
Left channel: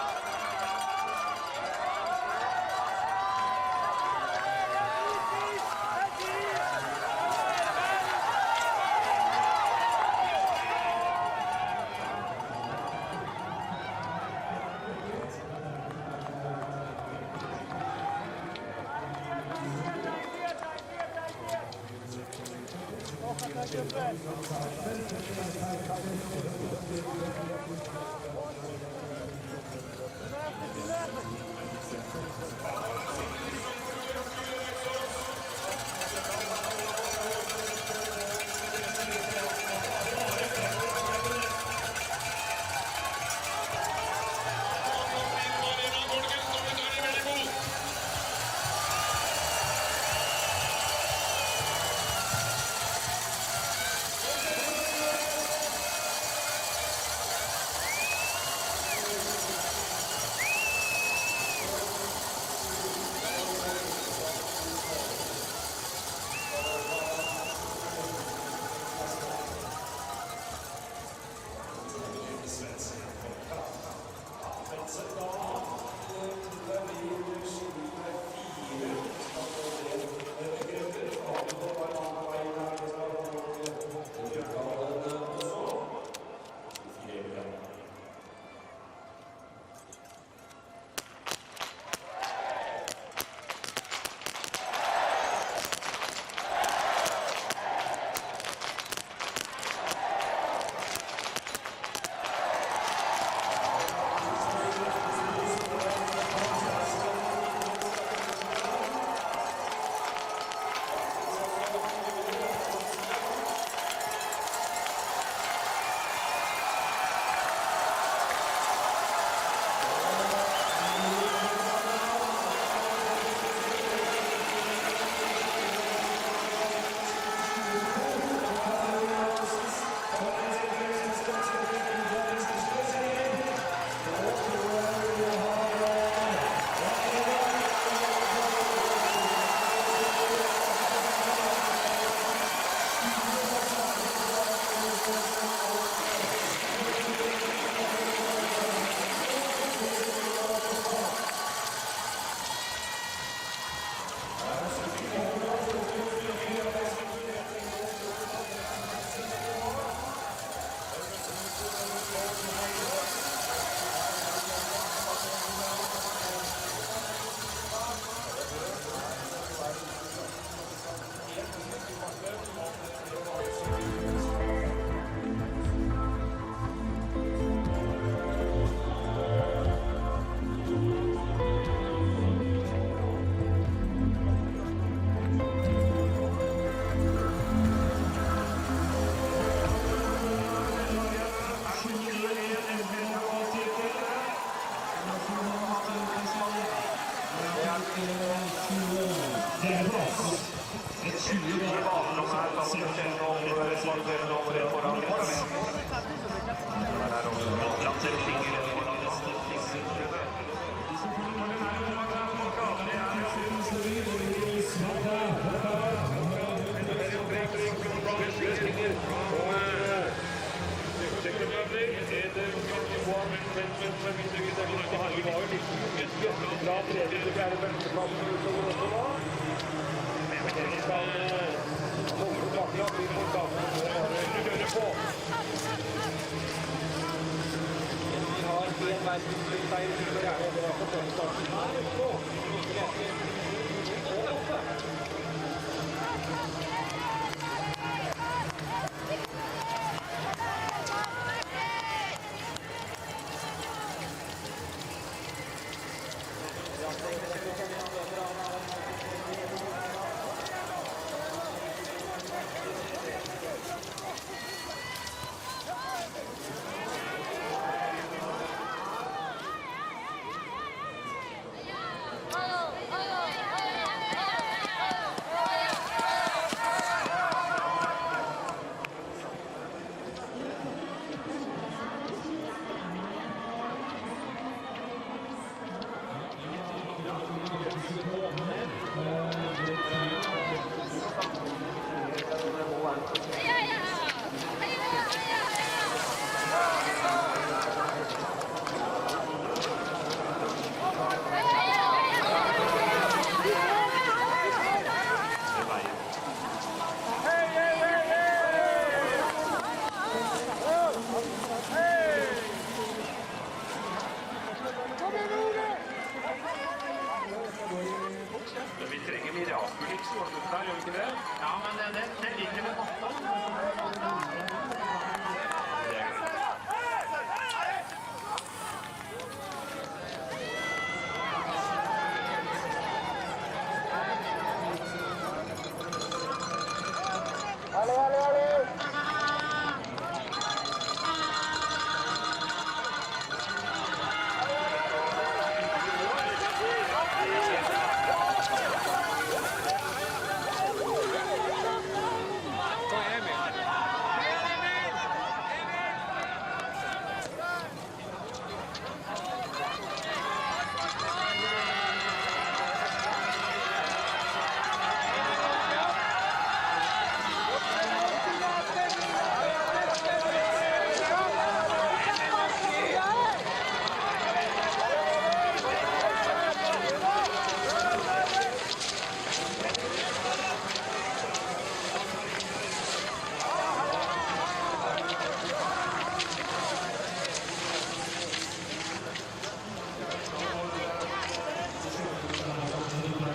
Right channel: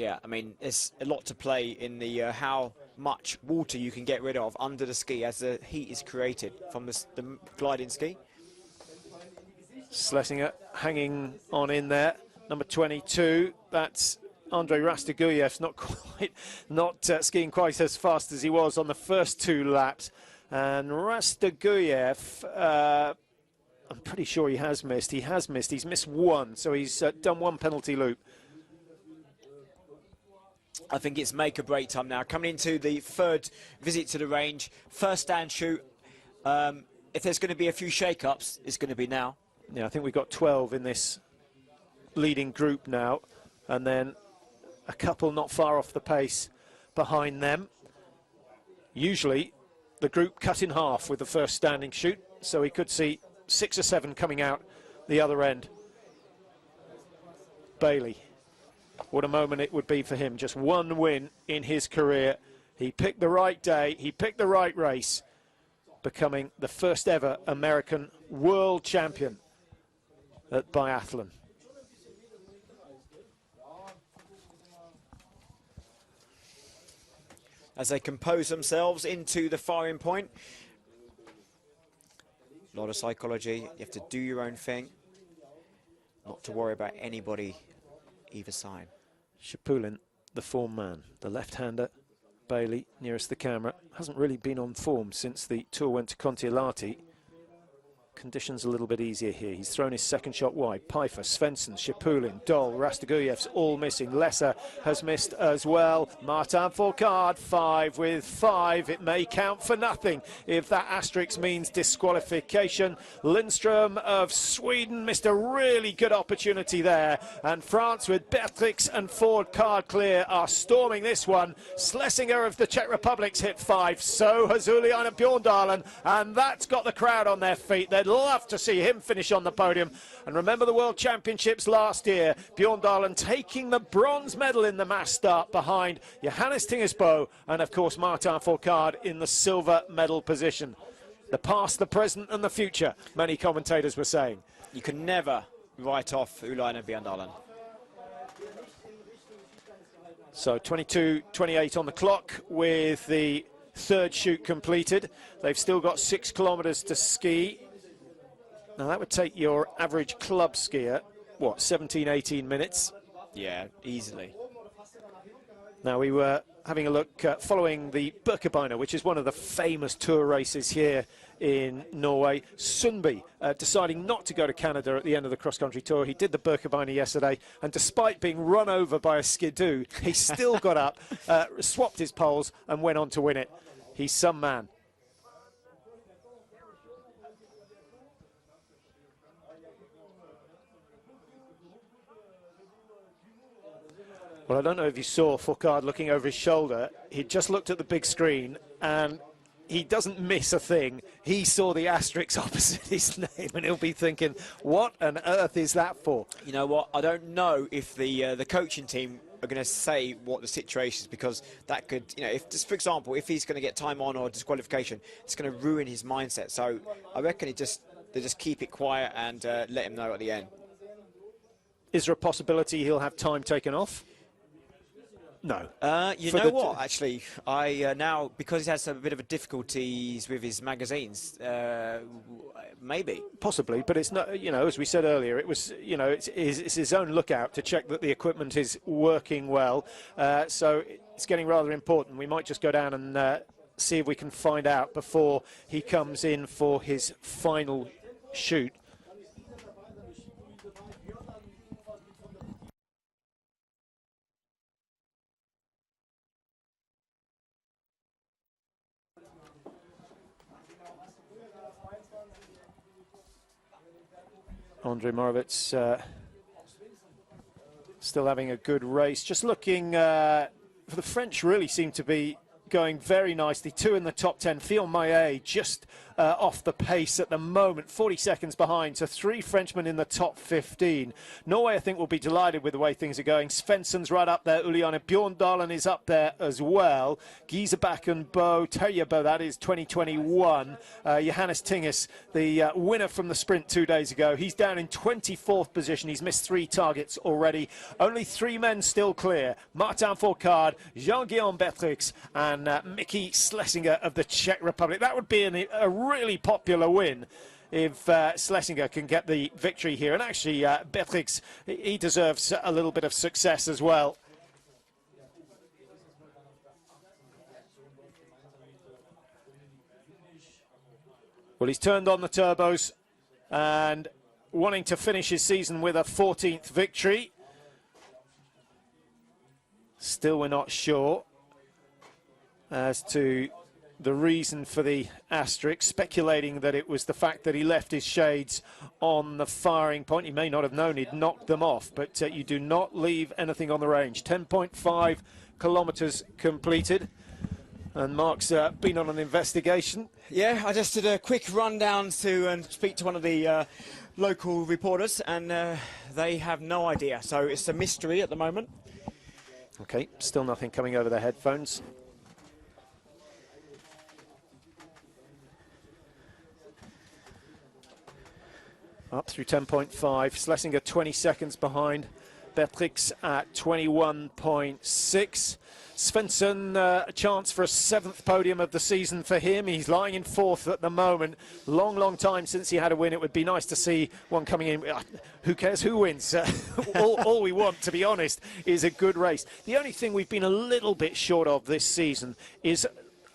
Yeah, I mean, there's a lot to play in the how much water you can get rid of under the ski as the heat is created on this gliding ski. Schlesinger hanging on in there, number 22. That's Andrei Rastaguyev, not skiing quite as fast as he was on the first 2 laps. And Rastaguyev, pretty sure he has missed. He's missed 1, so he's done 1 penalty loop. I think it's make or break time now. Coming into the 3rd visit to the range, first stand shoot. If there's going to be a few shake-ups, it's going to be now. Yeah, I think we've got 12 in this leading group now, and then a couple not far off the pace behind them. Usually, the group cut in half with the first standing shoot, so we could see 6 or 7 coming out the other end. Bailey. What a moment it would be for him. Just one win in his career. He picked the right day, he picked the right race, becoming the first ever American world champion at biathlon. As they compose themselves into the firing point. A lot of psychology, you have to do your own thing, not to worry about anybody either side. Shapulin, the form man, the left-hander. Bailey, nearest the camera, hasn't really been on form since the tour went to Kontiolahti. Conditions a little bit easier here. He's thrown his second shot wide. Pfeiffer, Svensson, Shapulin, Doll, Rastaguyev's all missing. Lesser has missed as well. Martin Fourcade, 5 with 5. It may count for nothing if that asterisk means disqualification. Lindström of Sweden missed a really good opportunity there. And France, with Beathix and Fourcade clear, are storming this one. Schlesinger of the Czech Republic's hit 5. So has Juliana Bjorndalen. And that's got the crowd on their feet. They'd love to see him finish on the podium. And remember the World Championships last year, Bjorndalen taking the bronze medal in the mass start behind Johannes Tingesbo and of course Martin Fourcade in the silver medal position. The past, the present and the future, many commentators will say. You can never write off Juliana Bjorndalen. So 22:28 on the clock with the third shoot completed. They've still got 6 kilometers to ski. Now that would take your average club skier, what, 17, 18 minutes? Yeah, easily. Now we were having a look following the Birkebeiner, which is one of the famous tour races here in Norway. Sundby deciding not to go to Canada at the end of the cross-country tour. He did the Birkebeiner yesterday, and despite being run over by a skidoo, he still got up, swapped his poles and went on to win it. He's some man. Well, I don't know if you saw Fourcade looking over his shoulder. He just looked at the big screen and he doesn't miss a thing. He saw the asterisk opposite his name and he'll be thinking, what on earth is that for? You know what, I don't know if the coaching team are going to say what the situation is, because that could, you know, if, for example, if he's going to get time on or disqualification, it's going to ruin his mindset. So I reckon he'll just keep it quiet and let him go at the end. Is there a possibility he'll have time taken off? No. You know what, actually, I now, because he has a bit of difficulties with his magazines, maybe. Possibly, but it's not, you know, as we said earlier, it was, you know, it's his own lookout to check that the equipment is working well. So it's getting rather important. We might just go down and see if we can find out before he comes in for his final shoot. Andre Moritz still having a good race. Just looking, the French really seem to be going very nicely. 2 in the top 10. Fillon Maillet just off the pace at the moment, 40 seconds behind. So 3 Frenchmen in the top 15. Norway, I think, will be delighted with the way things are going. Svensson's right up there. Juliana Bjorndalen is up there as well. Giesebach and Bo Terjebo, that is 2021. Johannes Tinges, the winner from the sprint 2 days ago, he's down in 24th position. He's missed 3 targets already. Only 3 men still clear. Martin Fourcade, Jean-Guillaume Beathix and Nicky Schlesinger of the Czech Republic. That would be a really popular win if Schlesinger can get the victory here. And actually, Beathix, he deserves a little bit of success as well. Well, he's turned on the turbos and wanting to finish his season with a 14th victory. Still, we're not sure as to the reason for the asterisk, speculating that it was the fact that he left his shades on the firing point. You may not have known he'd knocked them off, but you do not leave anything on the range. 10.5 kilometers completed. And Mark's been on an investigation. Yeah, I just did a quick rundown to speak to one of the local reporters, and They have no idea, so it's a mystery at the moment. Okay, still nothing coming over the headphones. Up through 10.5, Schlesinger 20 seconds behind, Bethix at 21.6. Svensson, chance for a 7th podium of the season for him. He's lying in 4th at the moment. Long time since he had a win. It would be nice to see one coming in. Who cares who wins? All we want, to be honest, is a good race. The only thing we've been a little bit short of this season is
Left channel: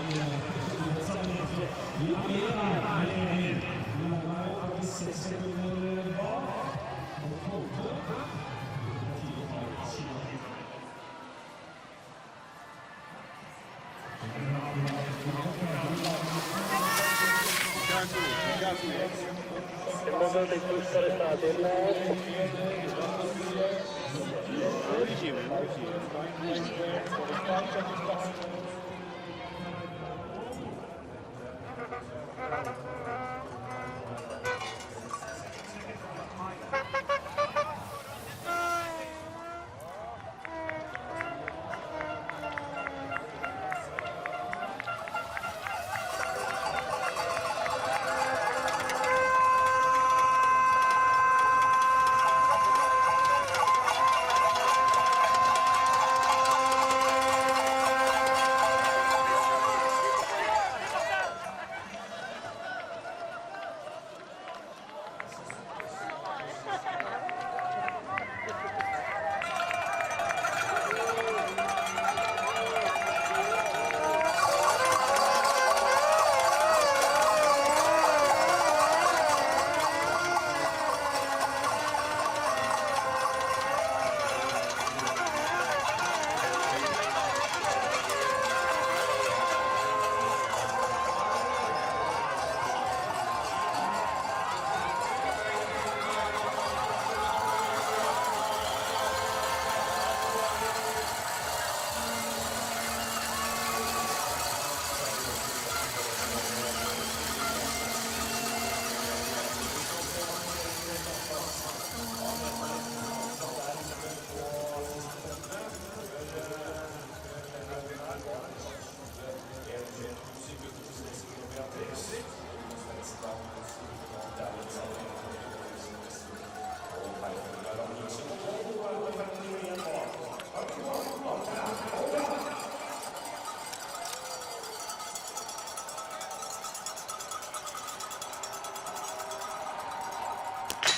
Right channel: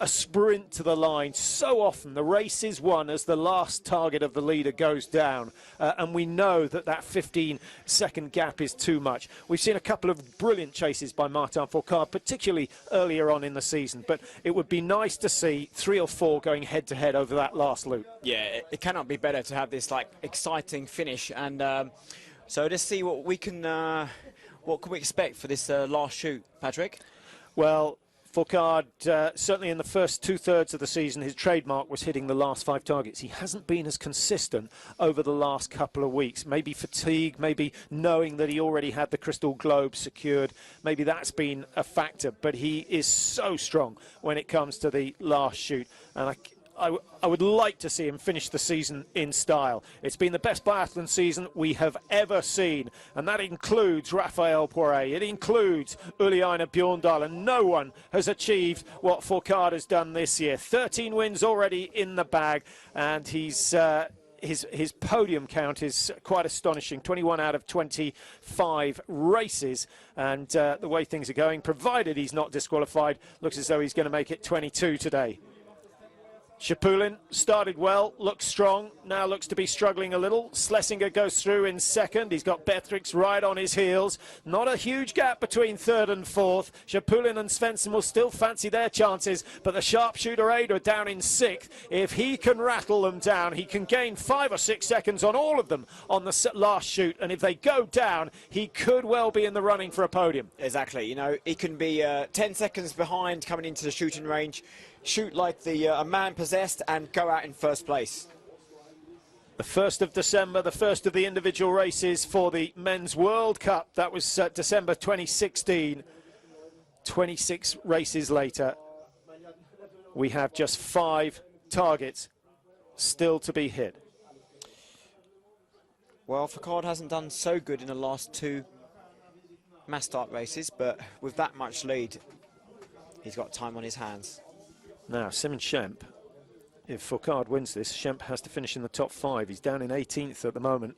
a sprint to the line. So often the race is won as the last target of the leader goes down. And we know that that 15-second gap is too much. We've seen a couple of brilliant chases by Martin Fourcade, particularly earlier on in the season, but it would be nice to see 3 or 4 going head-to-head over that last loop. Yeah, it cannot be better to have this like exciting finish, and so let's see what we can expect for this last shoot, Patrick. Well, Fourcade, certainly in the first 2/3 of the season, his trademark was hitting the last 5 targets. He hasn't been as consistent over the last couple of weeks. Maybe fatigue, maybe knowing that he already had the Crystal Globe secured. Maybe that's been a factor, but he is so strong when it comes to the last shoot. I would like to see him finish the season in style. It's been the best biathlon season we have ever seen, and that includes Raphael Poiré, it includes Uliana Bjorndal, and no one has achieved what Fourcade has done this year. 13 wins already in the bag, and his podium count is quite astonishing. 21 out of 25 races, and the way things are going, provided he's not disqualified, looks as though he's going to make it 22 today. Chapulin started well, looks strong, now looks to be struggling a little. Schlesinger goes through in 2nd. He's got Bethix right on his heels. Not a huge gap between 3rd and 4th. Chapulin and Svensson will still fancy their chances, but the sharpshooter Ada down in 6th. If he can rattle them down, he can gain 5 or 6 seconds on all of them on the last shoot, and if they go down, he could well be in the running for a podium. Exactly, you know, he can be 10 seconds behind coming into the shooting range, shoot like a man possessed, and go out in 1st place. The 1st of December, the first of the individual races for the Men's World Cup. That was December 2016. 26 races later, we have just 5 targets still to be hit. Well, Fourcade hasn't done so good in the last 2 mass start races, but with that much lead, he's got time on his hands. Now, Simon Schemp, if Fourcade wins this, Schemp has to finish in the top 5. He's down in 18th at the moment.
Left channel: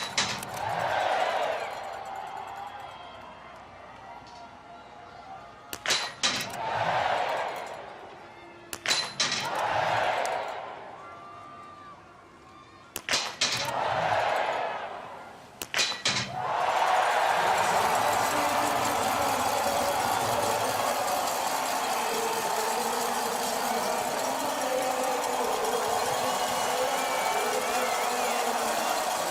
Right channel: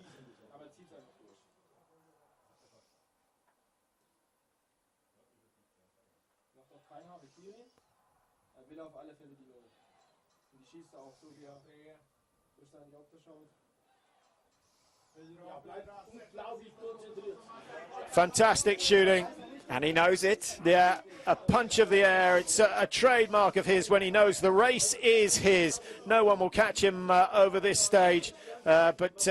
Fantastic shooting. And he knows it. Yeah. A punch of the air, it's a trademark of his when he knows the race is his. No one will catch him over this stage, but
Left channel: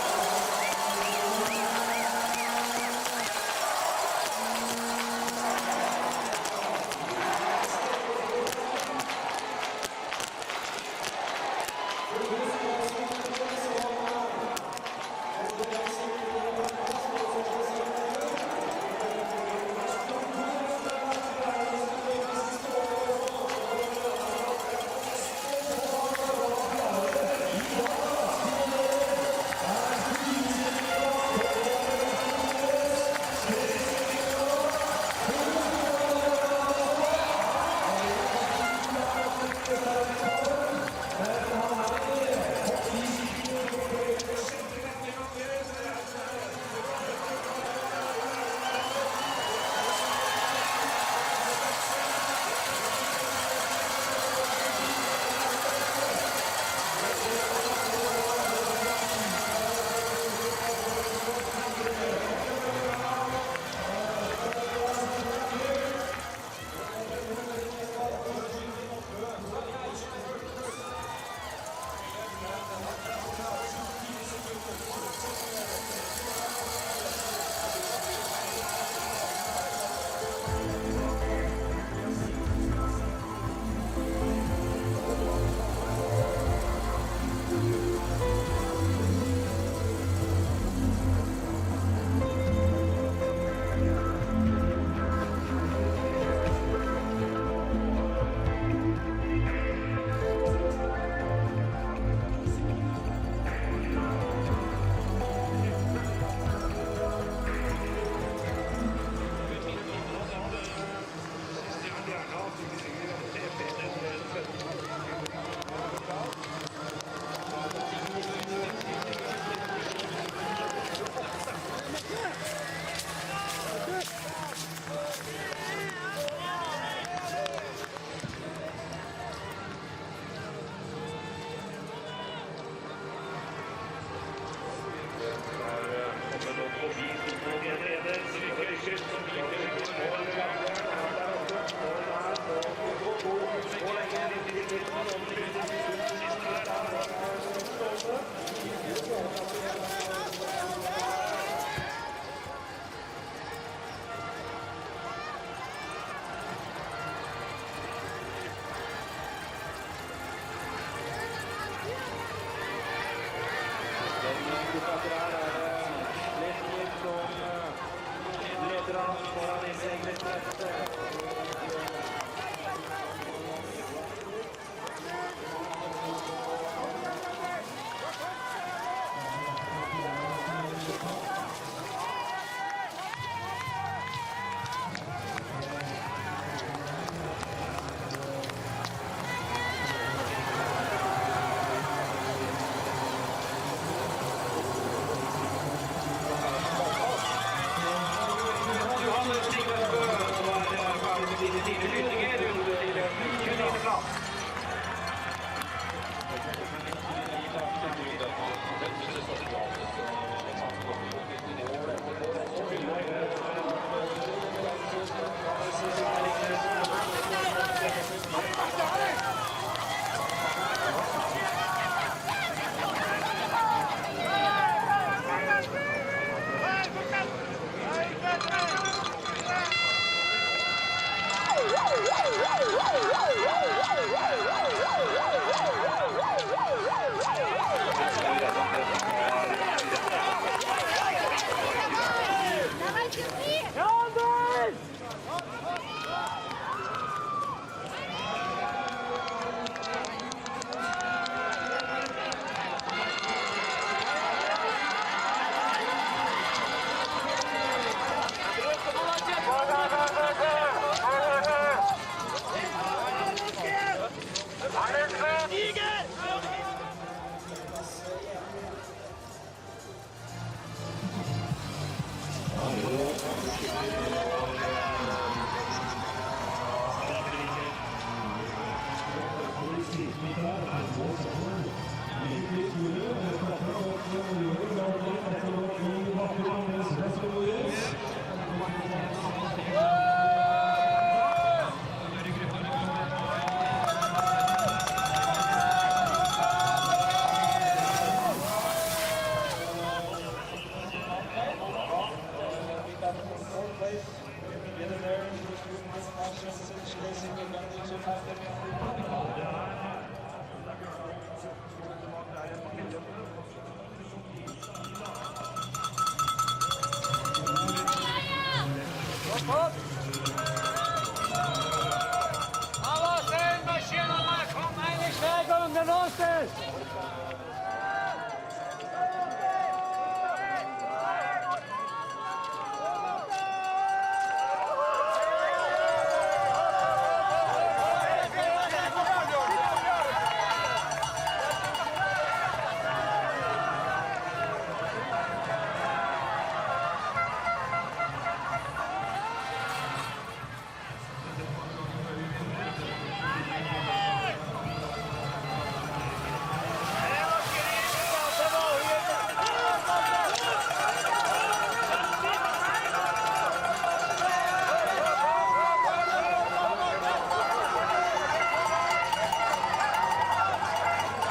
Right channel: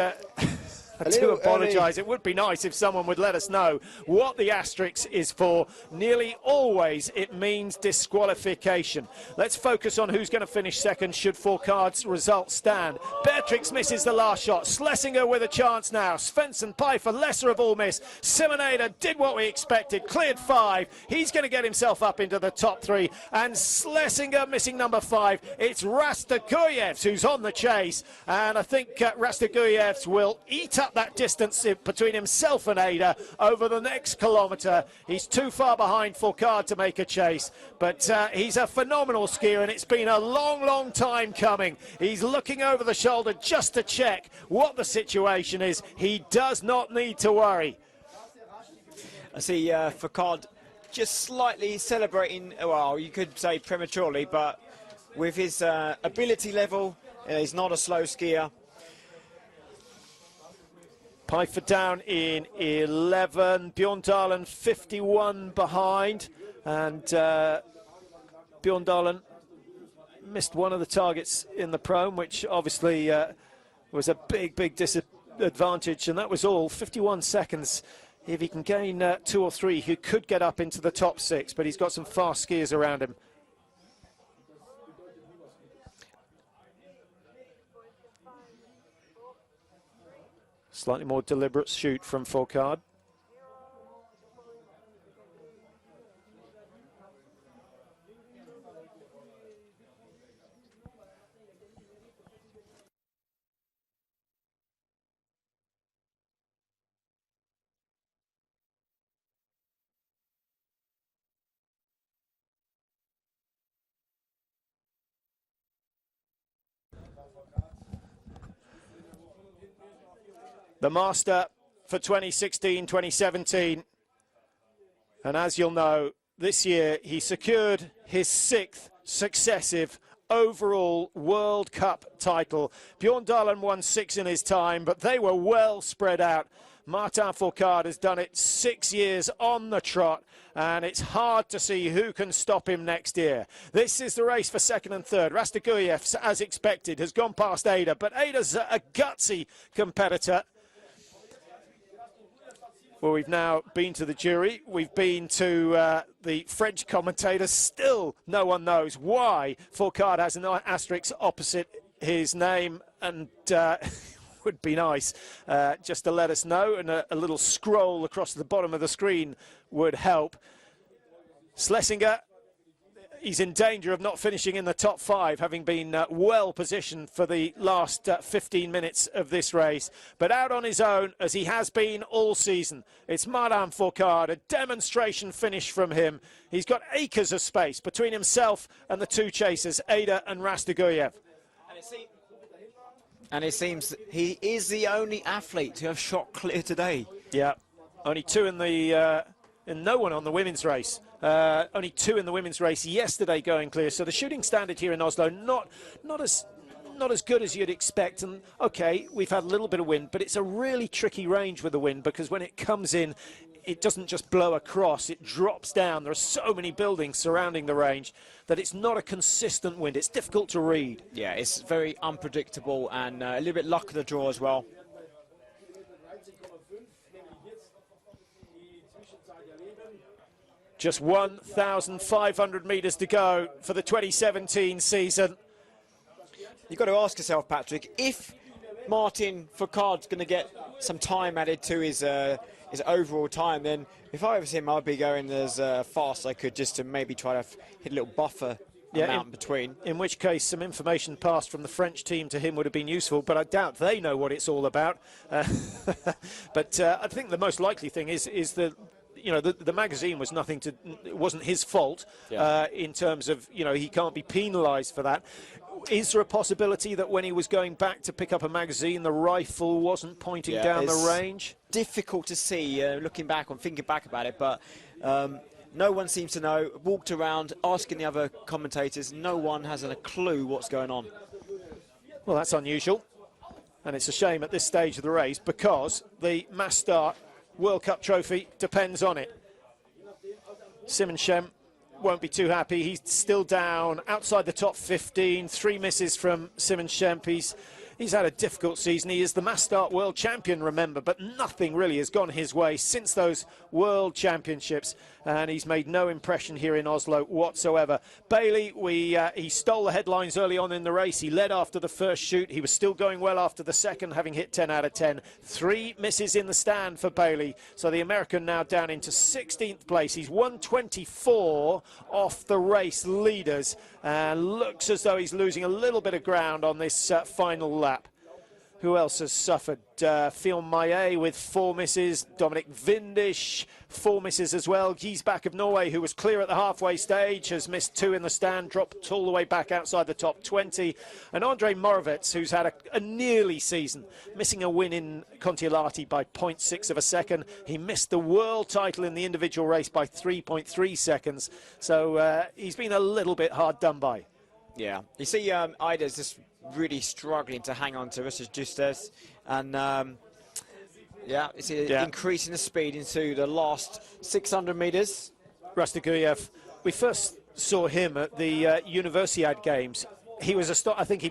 I do apologise. It would be nice if someone would let us know what the asterisk is for. Nearly always it means disqualification. Let's focus on who's going to finish 2nd should Fourcade's results stand. Beatrix misses the last shot. Schlesinger with a chance now. Svensson, Pfeiffer, lesser of all miss. Simonader did what we expected, cleared 5. He's going to get himself up into the top 3. And Schlesinger missing number 5. It's Rastakuyevs who's on the chase. And I think Rastakuyevs will eat up that distance between himself and Ada over the next kilometre. He's too far behind Fourcade to make a chase. But he's a phenomenal skier, and it's been a long time coming. He's looking over the shoulder just to check what the situation is. He does not need to worry. You see Fourcade just slightly celebrating, well, you could say prematurely, but with his ability level, he's not a slow skier. Pfeiffer down in 11, Bjorndalen 51 behind, and Bjorndalen missed one of the targets in the prone, which obviously was a big disadvantage, and that was all, 51 seconds. If he can gain 2 or 3, he could get up into the top 6, but he's got some fast skiers around him. Slightly more deliberate shoot from Fourcade. The master for 2016-2017, and as you'll know, this year he secured his 6th successive overall World Cup title. Bjorn Dahlem won 6 in his time, but they were well spread out. Martin Fourcade has done it 6 years on the trot, and it's hard to see who can stop him next year. This is the race for 2nd and 3rd. Rastogujev, as expected, has gone past Ada, but Ada's a gutsy competitor. Well, we've now been to the jury, we've been to the French commentators. Still no one knows why Fourcade has an asterisk opposite his name, and it would be nice just to let us know, and a little scroll across the bottom of the screen would help. Schlesinger, he's in danger of not finishing in the top 5, having been well positioned for the last 15 minutes of this race, but out on his own, as he has been all season. It's Martin Fourcade, a demonstration finish from him. He's got acres of space between himself and the 2 chasers, Ada and Rastogujev. And it seems he is the only athlete to have shot clear today. Yeah, only 2 in the, no one on the women's race. Only 2 in the women's race yesterday going clear. So the shooting standard here in Oslo, not as good as you'd expect. Okay, we've had a little bit of wind, but it's a really tricky range with the wind, because when it comes in, it doesn't just blow across, it drops down. There's so many buildings surrounding the range that it's not a consistent wind. It's difficult to read. Yeah, it's very unpredictable, and a little bit luck of the draw as well. Just 1,500 metres to go for the 2017 season. You've got to ask yourself, Patrick, if Martin Fourcade's going to get some time added to his overall time, then if I was him, I'd be going as fast as I could, just to maybe try to hit a little buffer in between. In which case, some information passed from the French team to him would have been useful, but I doubt they know what it's all about. But I think the most likely thing is that, you know, the magazine was wasn't his fault. In terms of, you know, he can't be penalised for that. Is there a possibility that when he was going back to pick up a magazine, the rifle wasn't pointing down the range? Difficult to see looking back or thinking back about it, but no one seems to know. Walked around asking the other commentators, no one has a clue what's going on. Well, that's unusual, and it's a shame at this stage of the race, because the Mass Start World Cup trophy depends on it. Simonsen won't be too happy. He's still down outside the top 15. 3 misses from Simonsen. He's had a difficult season. He is the Mass Start world champion, remember, but nothing really has gone his way since those world championships, and he's made no impression here in Oslo whatsoever. Bailey, he stole the headlines early on in the race. He led after the first shoot. He was still going well after the second, having hit 10 out of 10. 3 misses in the stand for Bailey. So the American now down into 16th place. He's 124 off the race leaders, and looks as though he's losing a little bit of ground on this final lap. Who else has suffered? Phil Maillet with 4 misses. Dominic Vindish, 4 misses as well. Giesbach of Norway, who was clear at the halfway stage, has missed 2 in the stand, dropped all the way back outside the top 20. And Andre Morovets, who's had a nearly season, missing a win in Kontiolahti by 0.6 of a second. He missed the world title in the individual race by 3.3 seconds. So he's been a little bit hard done by. Yeah, you see Ida's just really struggling to hang on to this just and increasing the speed into the last 600 metres. Rastogujev, we first saw him at the Universiade Games. He was I think he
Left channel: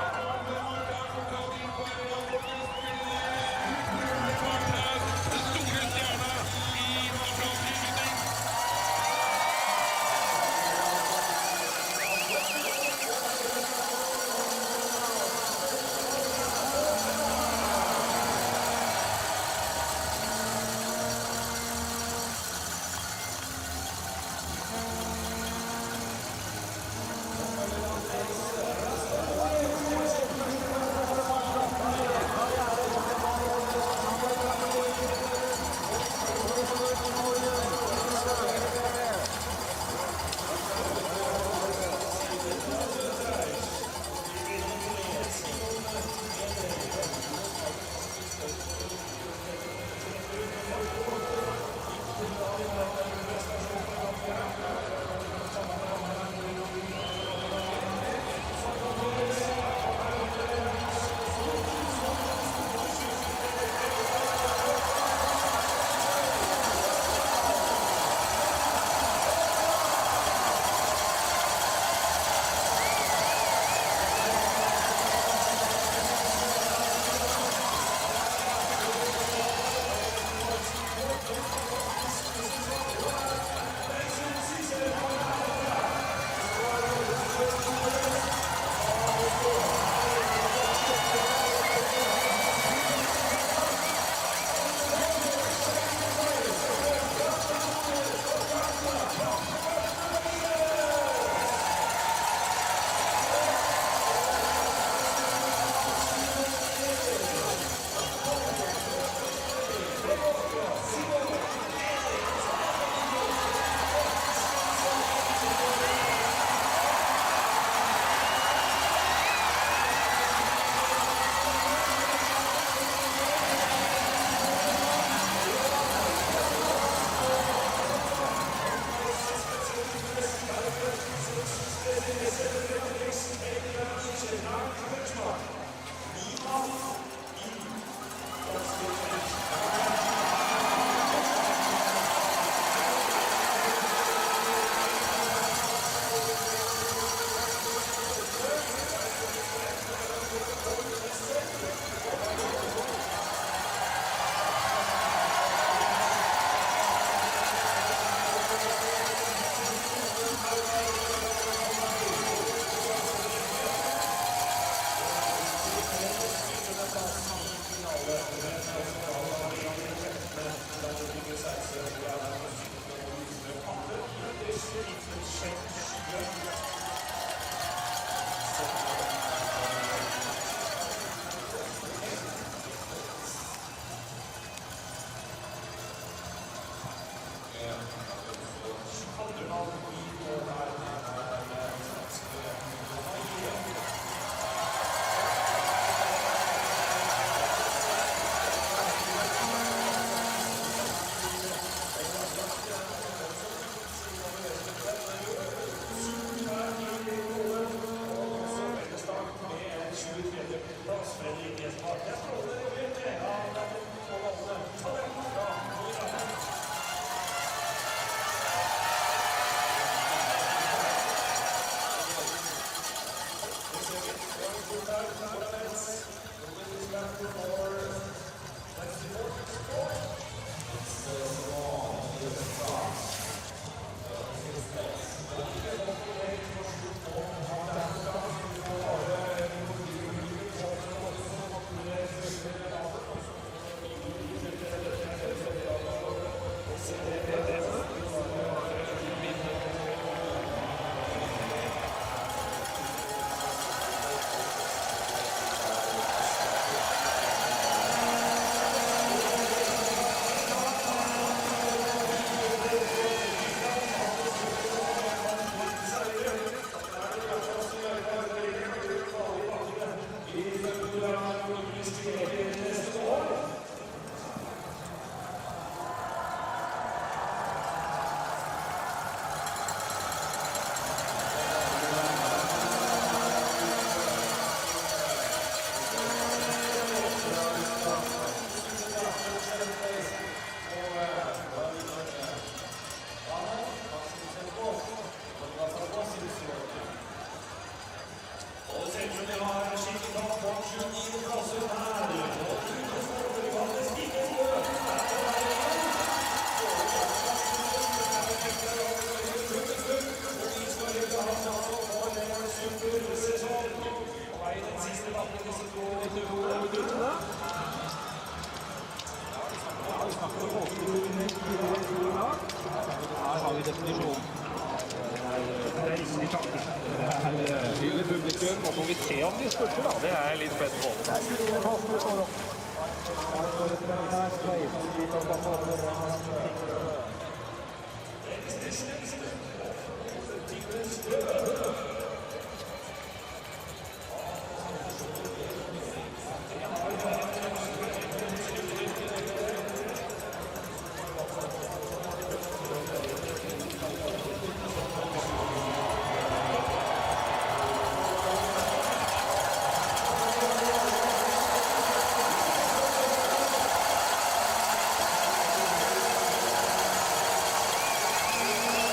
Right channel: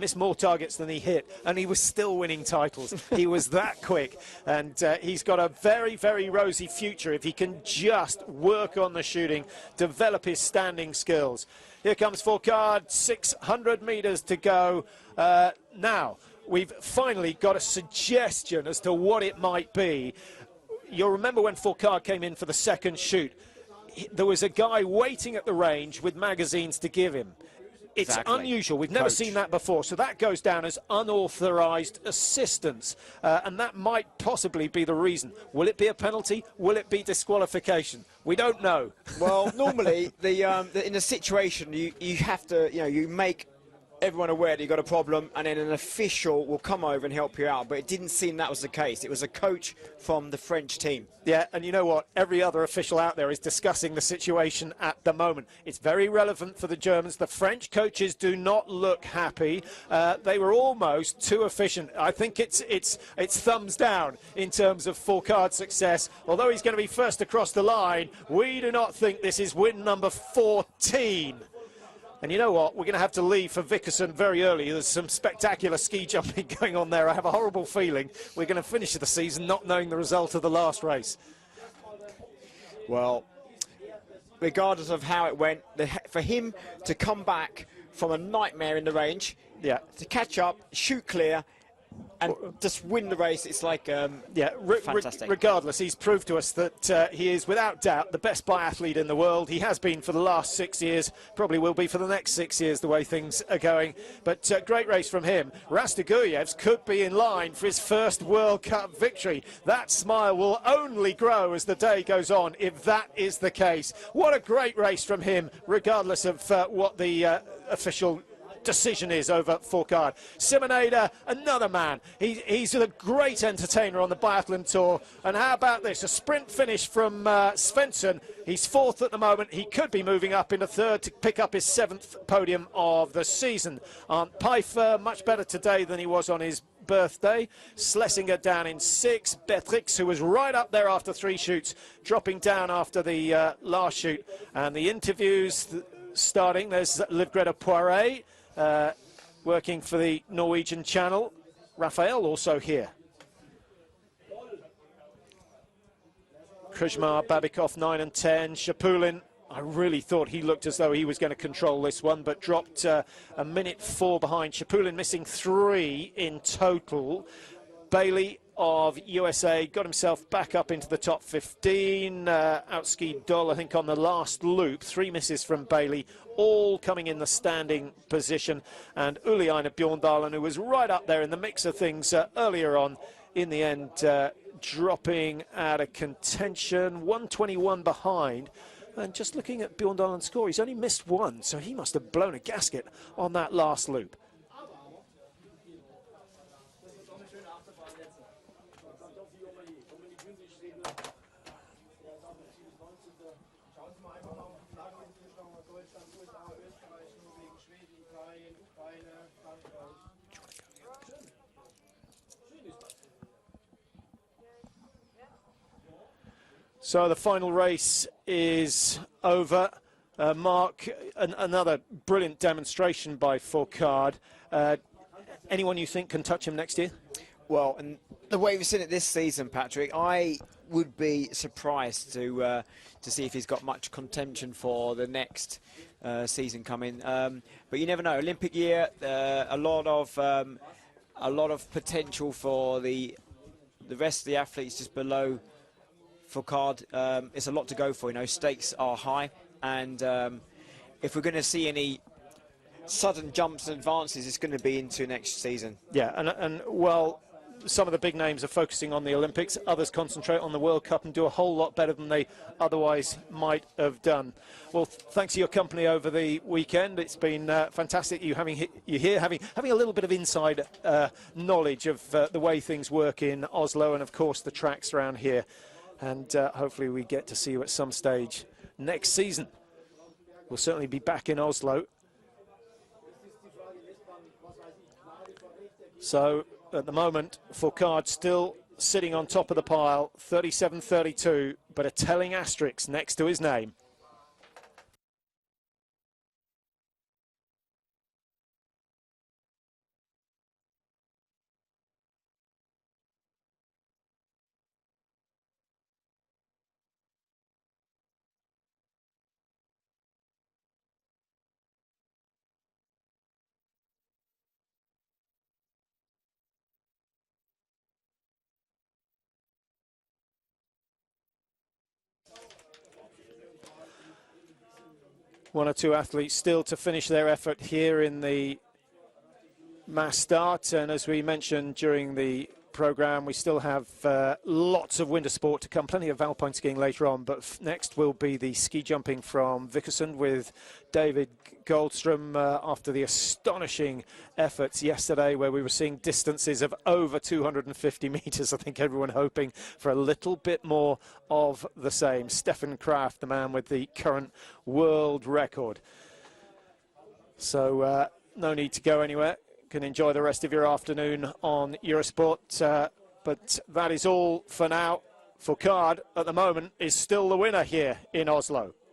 missed more targets than he hit, and he was still winning titles. He was that quick, and he's got a very, very rosy future if he can just work on the shooting, develop his standing skills. Here comes Fourcade, 600 metres to go. Now, we've finally got a suggestion as to what it might be. You'll remember when Fourcade came in for the second shoot, there was a guy waiting at the range with magazines to give him. It's unusual, we've never seen that before, so that goes down as unauthorised assistance, and that might possibly be the reason. Will it be a penalty? Will it be disqualification? We don't know. Well, normally, in a situation, you have to, you make everyone aware that you've got a problem, and then an official will come over and help you out, but it didn't seem that was the case. It was a coach from the French team. Yeah, and you know what? Every other official out there is discussing the situation at the moment. It's very relevant for the Germans. The French coaches do not look happy. They were almost too efficient. I think it's thumbs down in terms of Fourcade's success. Although he's going to be first across the line, we do not think this is win number 14. And you know what? We're going to have to leave for Vickerson very early. There's some spectacular ski jumping going on there. I have a horrible feeling we're going to finish the season not knowing the result of the last race. Well, regardless of how it went, for him to come back from a nightmare in the range, catch up, shoot clear, and just win the race, it's like... regardless, he's proved to us that he is, without doubt, the best biathlete in the world. He has been for the last 6 years, probably will be for the next 6 years, the way things are going. But great race from him. Rastiguyets could be in line for his first World Cup victory. That smile will only grow as the day goes on, if that is the case. What a great race from him, regardless of what the official decision is over Fourcade. Simonada, another man. He's a great entertainer on the biathlon tour. And how about this? A sprint finish from Svensson. He's fourth at the moment. He could be moving up into third to pick up his 7th podium of the season. Pfeiffer, much better today than he was on his birthday. Schlesinger down in 6th. Bedvix, who was right up there after 3 shoots, dropping down after the last shoot. And the interviews starting. There's Le Greta Poiret, working for the Norwegian channel. Raphael also here. Kuzma, Babikov 9 and 10. Shapulin, I really thought he looked as though he was going to control this one, but dropped a minute 4 behind. Shapulin missing 3 in total. Bailey of USA got himself back up into the top 15. Outskied Doll, I think, on the last loop. 3 misses from Bailey, all coming in the standing position. And Uliana Bjorndalen, who was right up there in the mix of things earlier on, in the end dropping out of contention. 121 behind. And just looking at Bjorndalen's score, he's only missed 1, so he must have blown a gasket on that last loop. So the final race is over. Mark, another brilliant demonstration by Fourcade. Anyone you think can touch him next year? Well, the way we've seen it this season, Patrick, I would be surprised to see if he's got much contention for the next season coming. But you never know. Olympic year, a lot of potential for the rest of the athletes just below Fourcade. There's a lot to go for. Stakes are high, and if we're going to see any sudden jumps and advances, it's going to be into next season. Yeah, and well, some of the big names are focusing on the Olympics. Others concentrate on the World Cup and do a whole lot better than they otherwise might have done. Well, thanks for your company over the weekend. It's been fantastic you here having a little bit of inside knowledge of the way things work in Oslo, and of course the tracks around here. And hopefully we get to see you at some stage next season. We'll certainly be back in Oslo. So at the moment, Fourcade still sitting on top of the pile, 37-32, but a telling asterisk next to his name. or two athletes still to finish their effort here in the match start, and as we mentioned during the programme, we still have lots of winter sport to come, plenty of alpine skiing later on, but next will be the ski jumping from Vickerson with David Goldstrom after the astonishing efforts yesterday where we were seeing distances of over 250 metres. I think everyone hoping for a little bit more of the same. Stefan Kraft, the man with the current world record. So no need to go anywhere. You can enjoy the rest of your afternoon on Eurosport, but that is all for now. Ricard at the moment is still the winner here in Oslo.